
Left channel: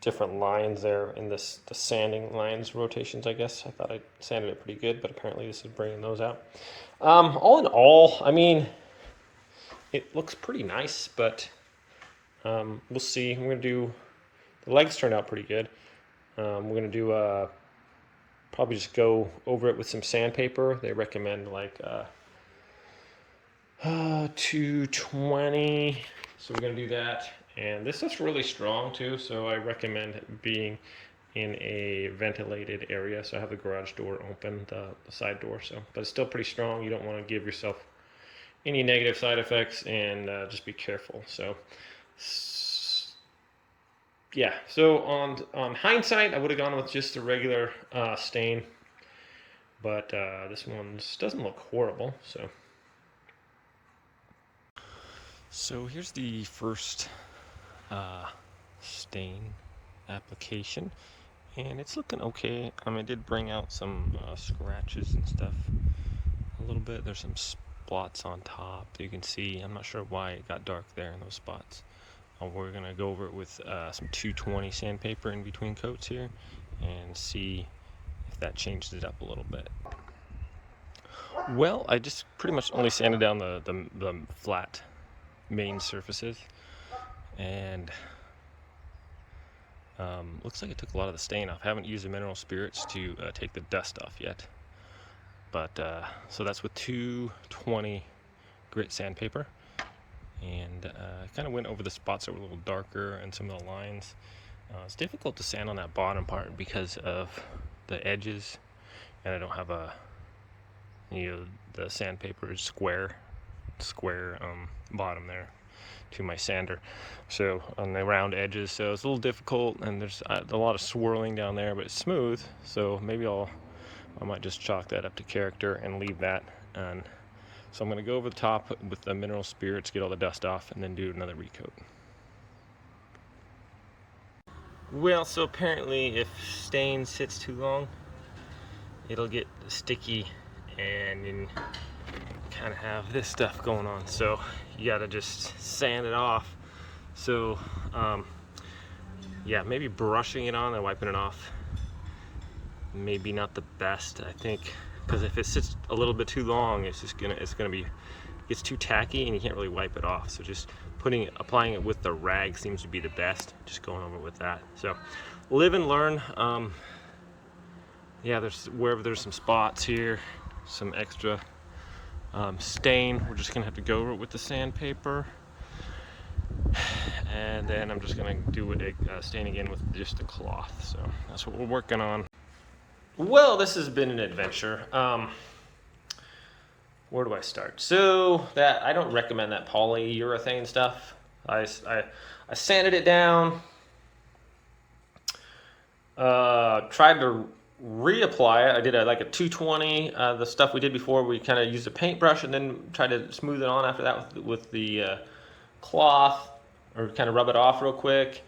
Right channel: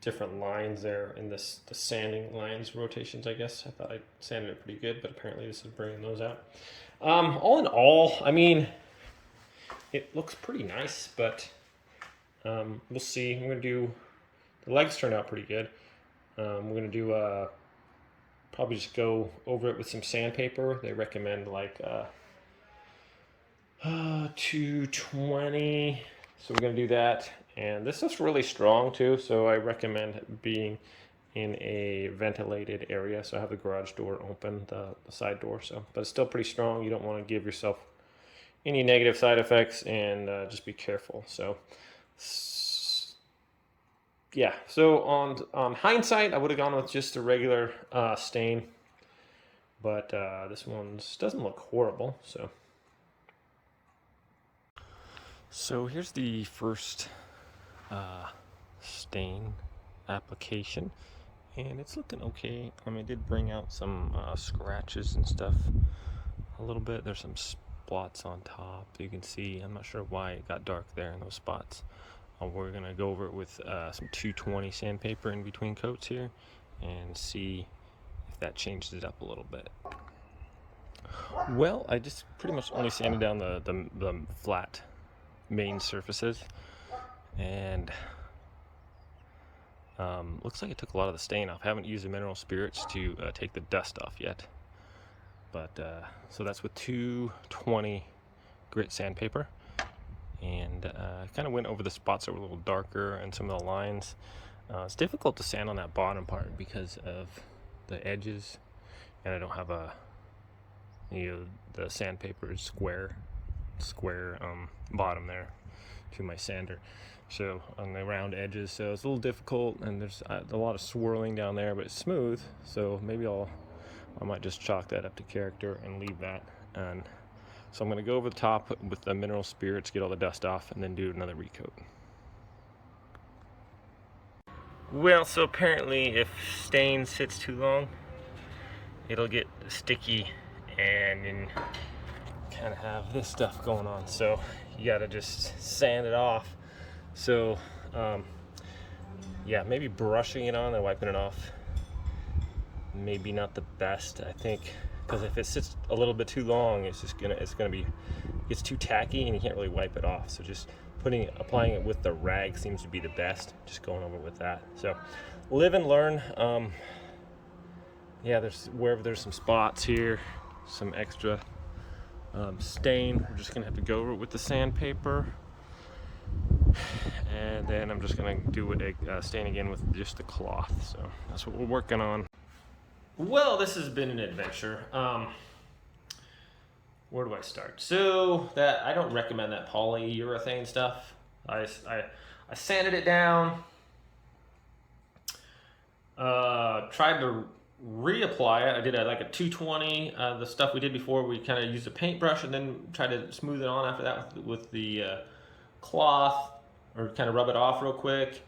different lines there in the sanding lines, rotations, I guess. I thought I sanded it pretty good, but apparently this is bringing those out. All in all, I mean, it looks pretty nice, but we'll see. I'm going to do, the legs turned out pretty good. We're going to do, probably just go over it with some sandpaper. They recommend like 220, so we're going to do that. And this is really strong too, so I recommend being in a ventilated area. So I have the garage door open, the side door, so, but it's still pretty strong. You don't want to give yourself any negative side effects, and just be careful. So yeah, so on hindsight, I would have gone with just a regular stain, but this one doesn't look horrible. So here's the first stain application, and it's looking okay. I mean, it did bring out some scratches and stuff a little bit. There's some spots on top that you can see. I'm not sure why it got dark there in those spots. We're gonna go over it with some 220 sandpaper in between coats here and see if that changes it up a little bit. Well, I just pretty much only sanded down the flat main surfaces, and looks like it took a lot of the stain off. I haven't used the mineral spirits to take the dust off yet, but so that's with 220 grit sandpaper, and I kind of went over the spots that were a little darker and some of the lines. It's difficult to sand on that bottom part because of the edges, and I don't have a, you know, the sandpaper is square bottom there to my sander, so on the round edges, so it's a little difficult, and there's a lot of swirling down there, but it's smooth, so maybe I might just chalk that up to character and leave that. And so I'm going to go over the top with the mineral spirits, get all the dust off, and then do another recoat. Well, so apparently if stain sits too long, it'll get sticky and then kind of have this stuff going on, so you gotta just sand it off. So yeah, maybe brushing it on and wiping it off. Maybe not the best, I think, because if it sits a little bit too long, it's too tacky and you can't really wipe it off. So just applying it with the rag seems to be the best. Just going over with that. So live and learn. Yeah, wherever there's some spots here, some extra stain, we're just gonna have to go over it with the sandpaper. And then I'm just gonna do it stain again with just the cloth. So that's what we're working on. Well, this has been an adventure. Where do I start? So I don't recommend that polyurethane stuff. I sanded it down. Tried to reapply it. I did like a 220. The stuff we did before, we kind of used a paintbrush and then tried to smooth it on after that with the cloth, or kind of rub it off real quick.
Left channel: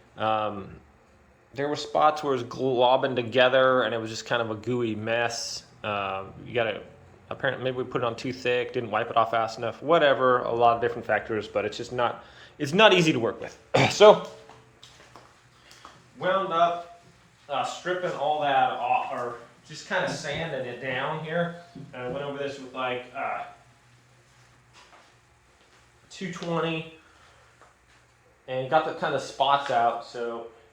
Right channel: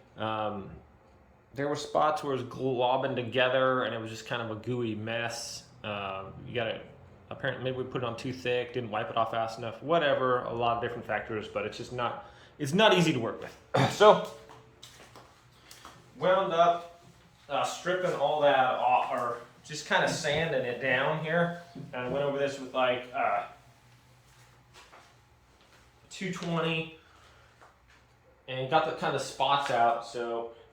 There were spots where it was globbing together and it was just kind of a gooey mess. Apparently maybe we put it on too thick, didn't wipe it off fast enough, whatever, a lot of different factors, but it's not easy to work with. So, wound up stripping all that off, or just kind of sanding it down here. And I went over this with like 220 and got the kind of spots out.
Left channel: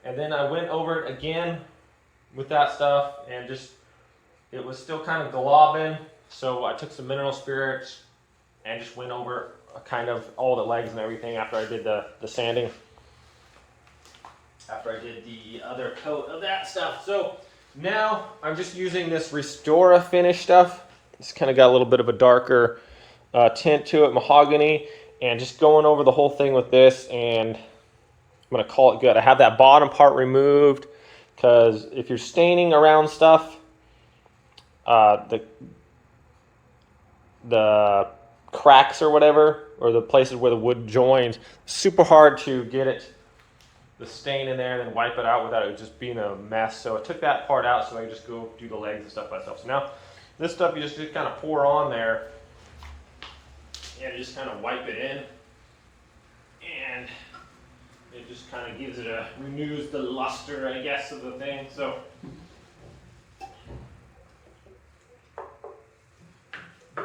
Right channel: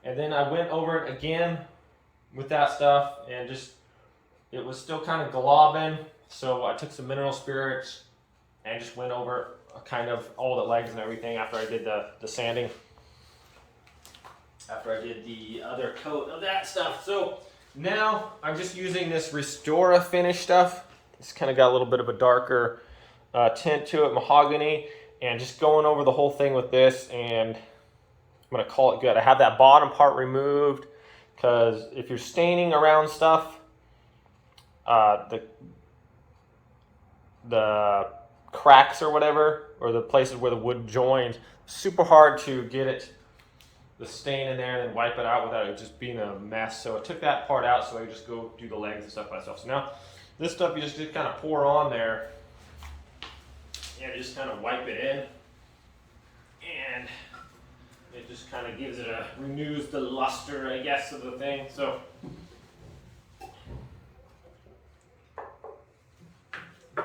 And then I went over it again with that stuff, and it was still kind of globbing. So I took some mineral spirits and just went over kind of all the legs and everything after I did the sanding. After I did the other coat of that stuff. So now I'm just using this Restora finish stuff. It's kind of got a little bit of a darker tint to it, mahogany, and just going over the whole thing with this, and I'm gonna call it good. I have that bottom part removed because if you're staining around stuff, the cracks or whatever, or the places where the wood joins, super hard to get the stain in there and then wipe it out without it just being a mess. So I took that part out so I could just go do the legs and stuff myself. So now this stuff you just kind of pour on there and just kind of wipe it in, and it just kind of renews the luster, I guess, of the thing. So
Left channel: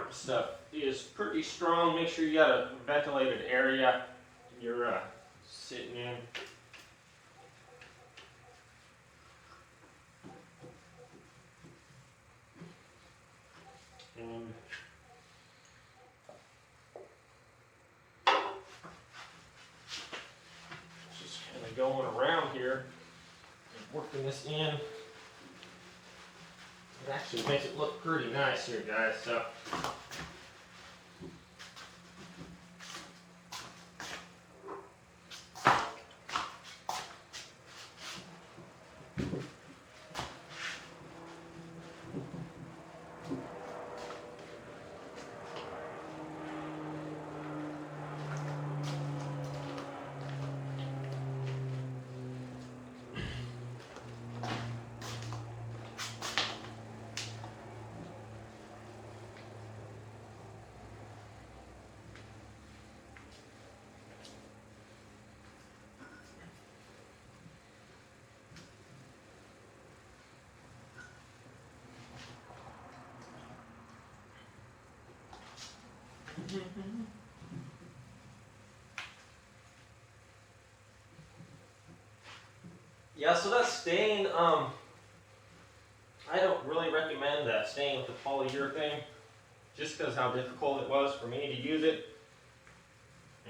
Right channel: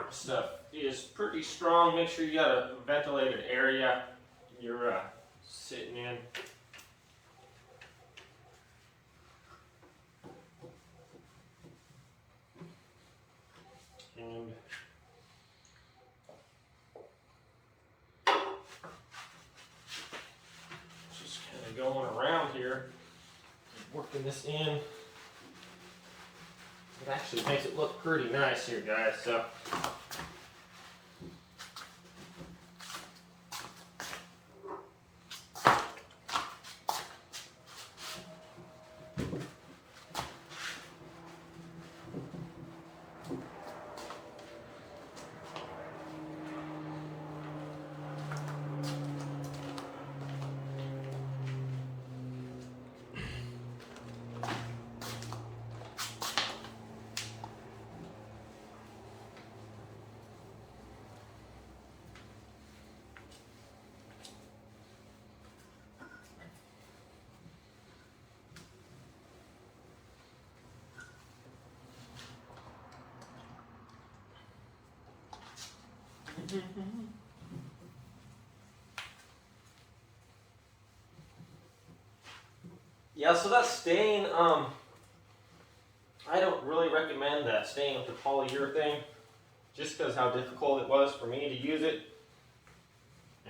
stuff is pretty strong. Make sure you got a ventilated area you're sitting in. And just kind of going around here and working this in. It actually makes it look pretty nice here, guys. So yeah, so that stain, I don't really recommend that stain with the polyurethane, just because how difficult it was for me to use it.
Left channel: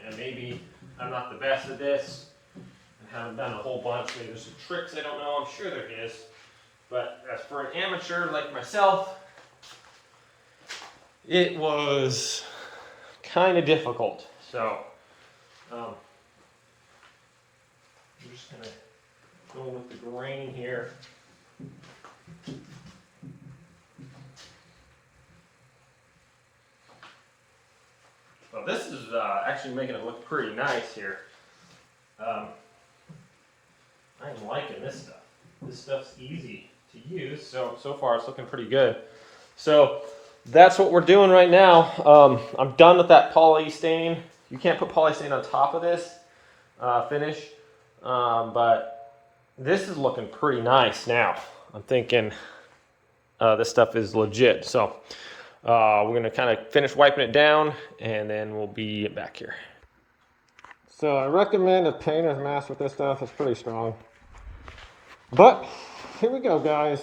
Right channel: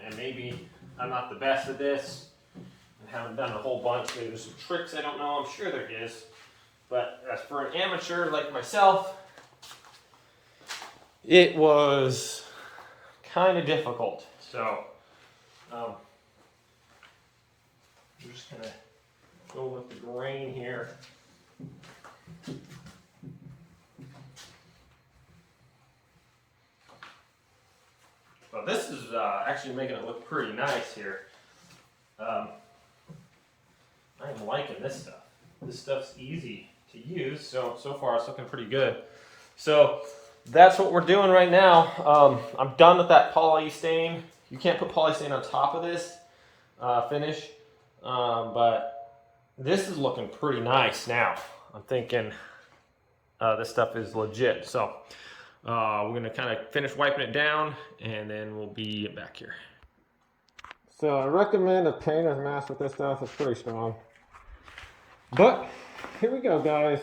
And maybe I'm not the best at this and haven't done a whole bunch. Maybe there's some tricks I don't know, I'm sure there is. But as for an amateur like myself, it was kind of difficult. So I'm just gonna go with the grain here. Well, this is actually making it look pretty nice here. I'm liking this stuff. This stuff's easy to use, so far it's looking pretty good. So that's what we're doing right now. I'm done with that poly stain. You can't put poly stain on top of this finish, but This is looking pretty nice now. I'm thinking this stuff is legit. So we're gonna kind of finish wiping it down and then we'll be back here. So I recommend a painter's mask with this stuff. It's pretty strong. But here we go, guys.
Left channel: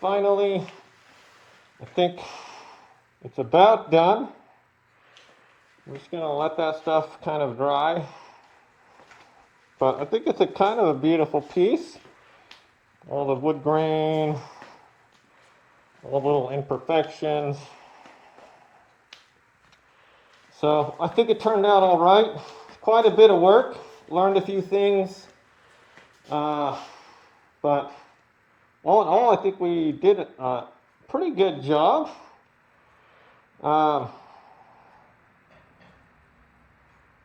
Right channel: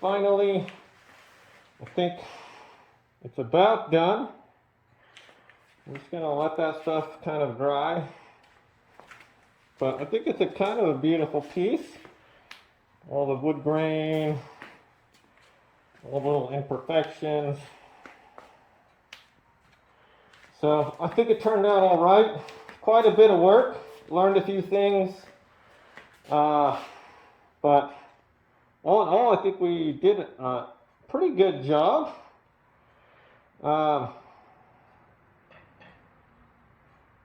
Finally, I think it's about done. I'm just gonna let that stuff kind of dry. But I think it's a kind of a beautiful piece. All the wood grain, all the little imperfections. So I think it turned out all right. Quite a bit of work. Learned a few things. But all in all, I think we did a pretty good job.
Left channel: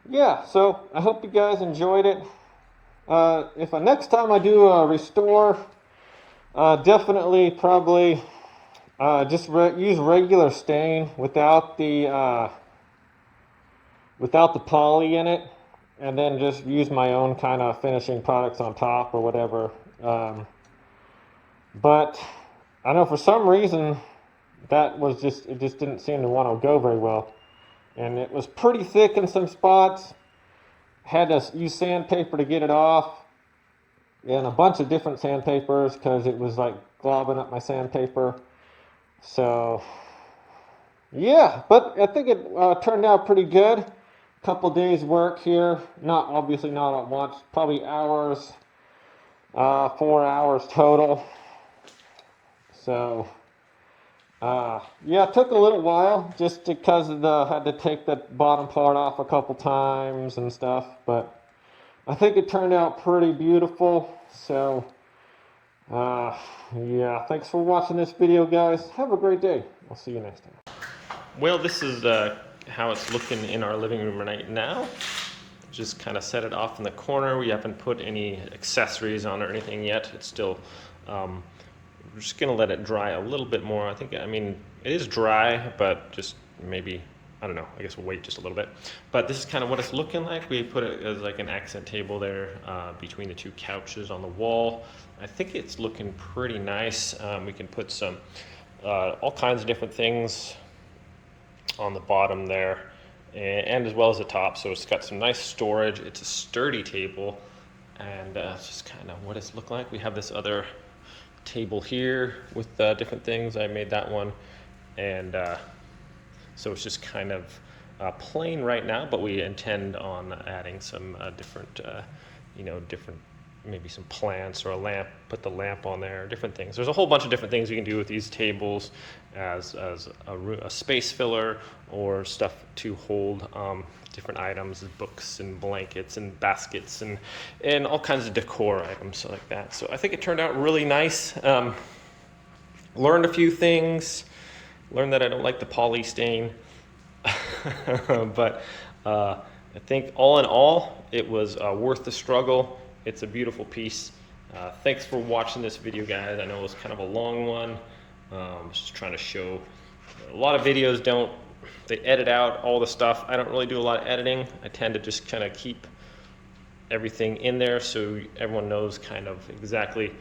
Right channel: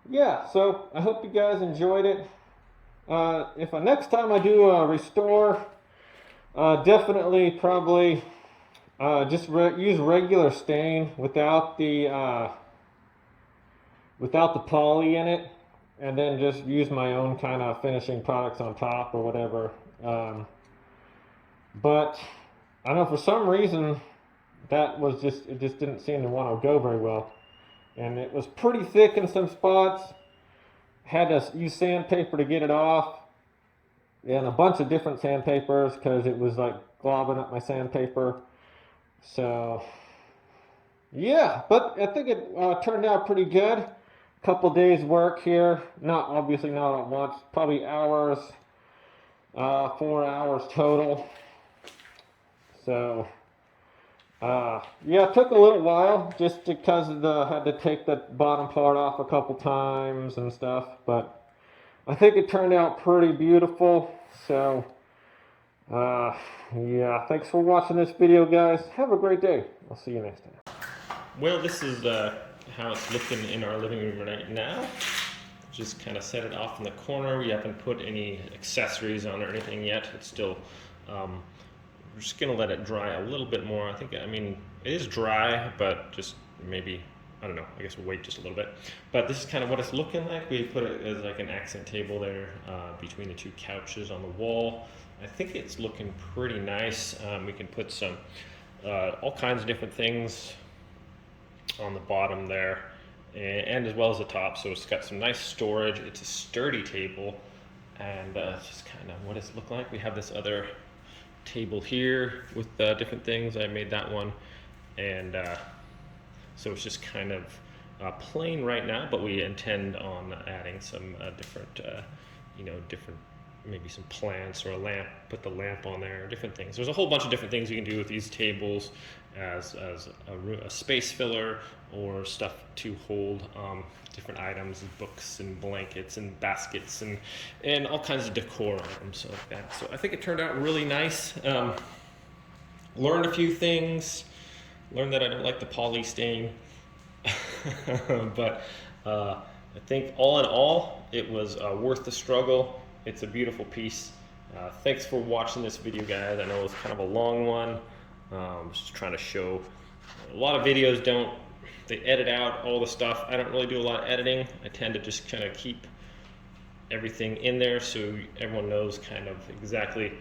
Yeah, so I hope you guys enjoyed it. If next time I do a restore, definitely probably just use regular stain without the poly in it, and then just use my own kind of finishing products on top or whatever. But I know for some reason it just didn't seem to want to go very well, and it was pretty thick in some spots. Had to use sandpaper to get it off, and a bunch of different sandpapers because it was like globbing up my sandpaper. So yeah, but I think it turned out pretty good. Couple days work here, obviously not at once, probably hours, 4 hours total. So yeah, it took a little while just because had to take the bottom part off a couple times and stuff, but I think it turned out pretty beautiful. So yeah, thanks for watching this video, guys. Have a great day. I'll see you next time. Well, this is how it's looking in our living room right now. Just kind of set it off in the corner. We haven't put any accessories on or anything yet. It's still we're just gonna let it dry a little bit more. I mean it is dry, but just maybe, I don't know, I guess we'll wait just a little bit. But this is kind of what it's looking like. We put it as like an accent table there between the two couches on the wall. I think it's looking pretty nice. We can put some all kinds of different things on the bottom there, and as well as the top. So it's got some nice storage. It's a sturdy table, and it's just kind of what it's looked like. We have this other table here with different things. I made that one, and so it's just kind of plain right now, but we intend on adding some different maybe some plants or a lamp, put the lamp on there, different things. There's a whole bunch of different things you can do with these tables as a space filler, or stuff to hold different items, books and blankets and baskets and all kinds of decor items like that. So I think it turned out really nice. Learned a few things. Learned that I don't like the poly stain. But I think all in all, it was worth the struggle. It's a beautiful piece. Thanks for watching this video, guys. I know it was kind of a long one. Just trying to show. A lot of videos they edit out all the stuff. I don't really do a lot of editing. I tend to just kind of keep everything in there so everyone knows kind of exactly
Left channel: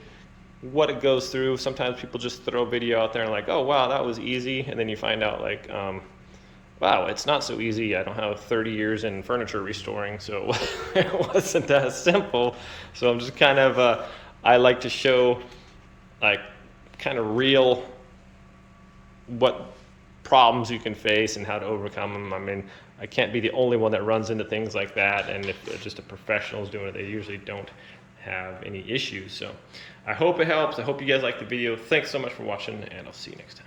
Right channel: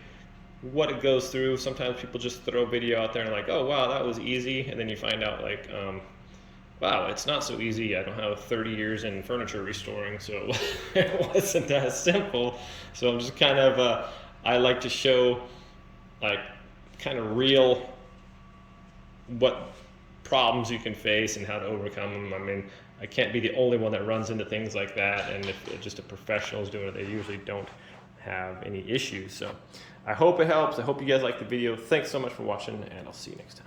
what it goes through. Sometimes people just throw a video out there and like, oh wow, that was easy, and then you find out like, wow, it's not so easy. I don't have 30 years in furniture restoring, so it wasn't that simple. So I'm just kind of, I like to show like kind of real what problems you can face and how to overcome them. I mean, I can't be the only one that runs into things like that, and if just a professional is doing it, they usually don't have any issues. So I hope it helps. I hope you guys liked the video. Thanks so much for watching, and I'll see you next time.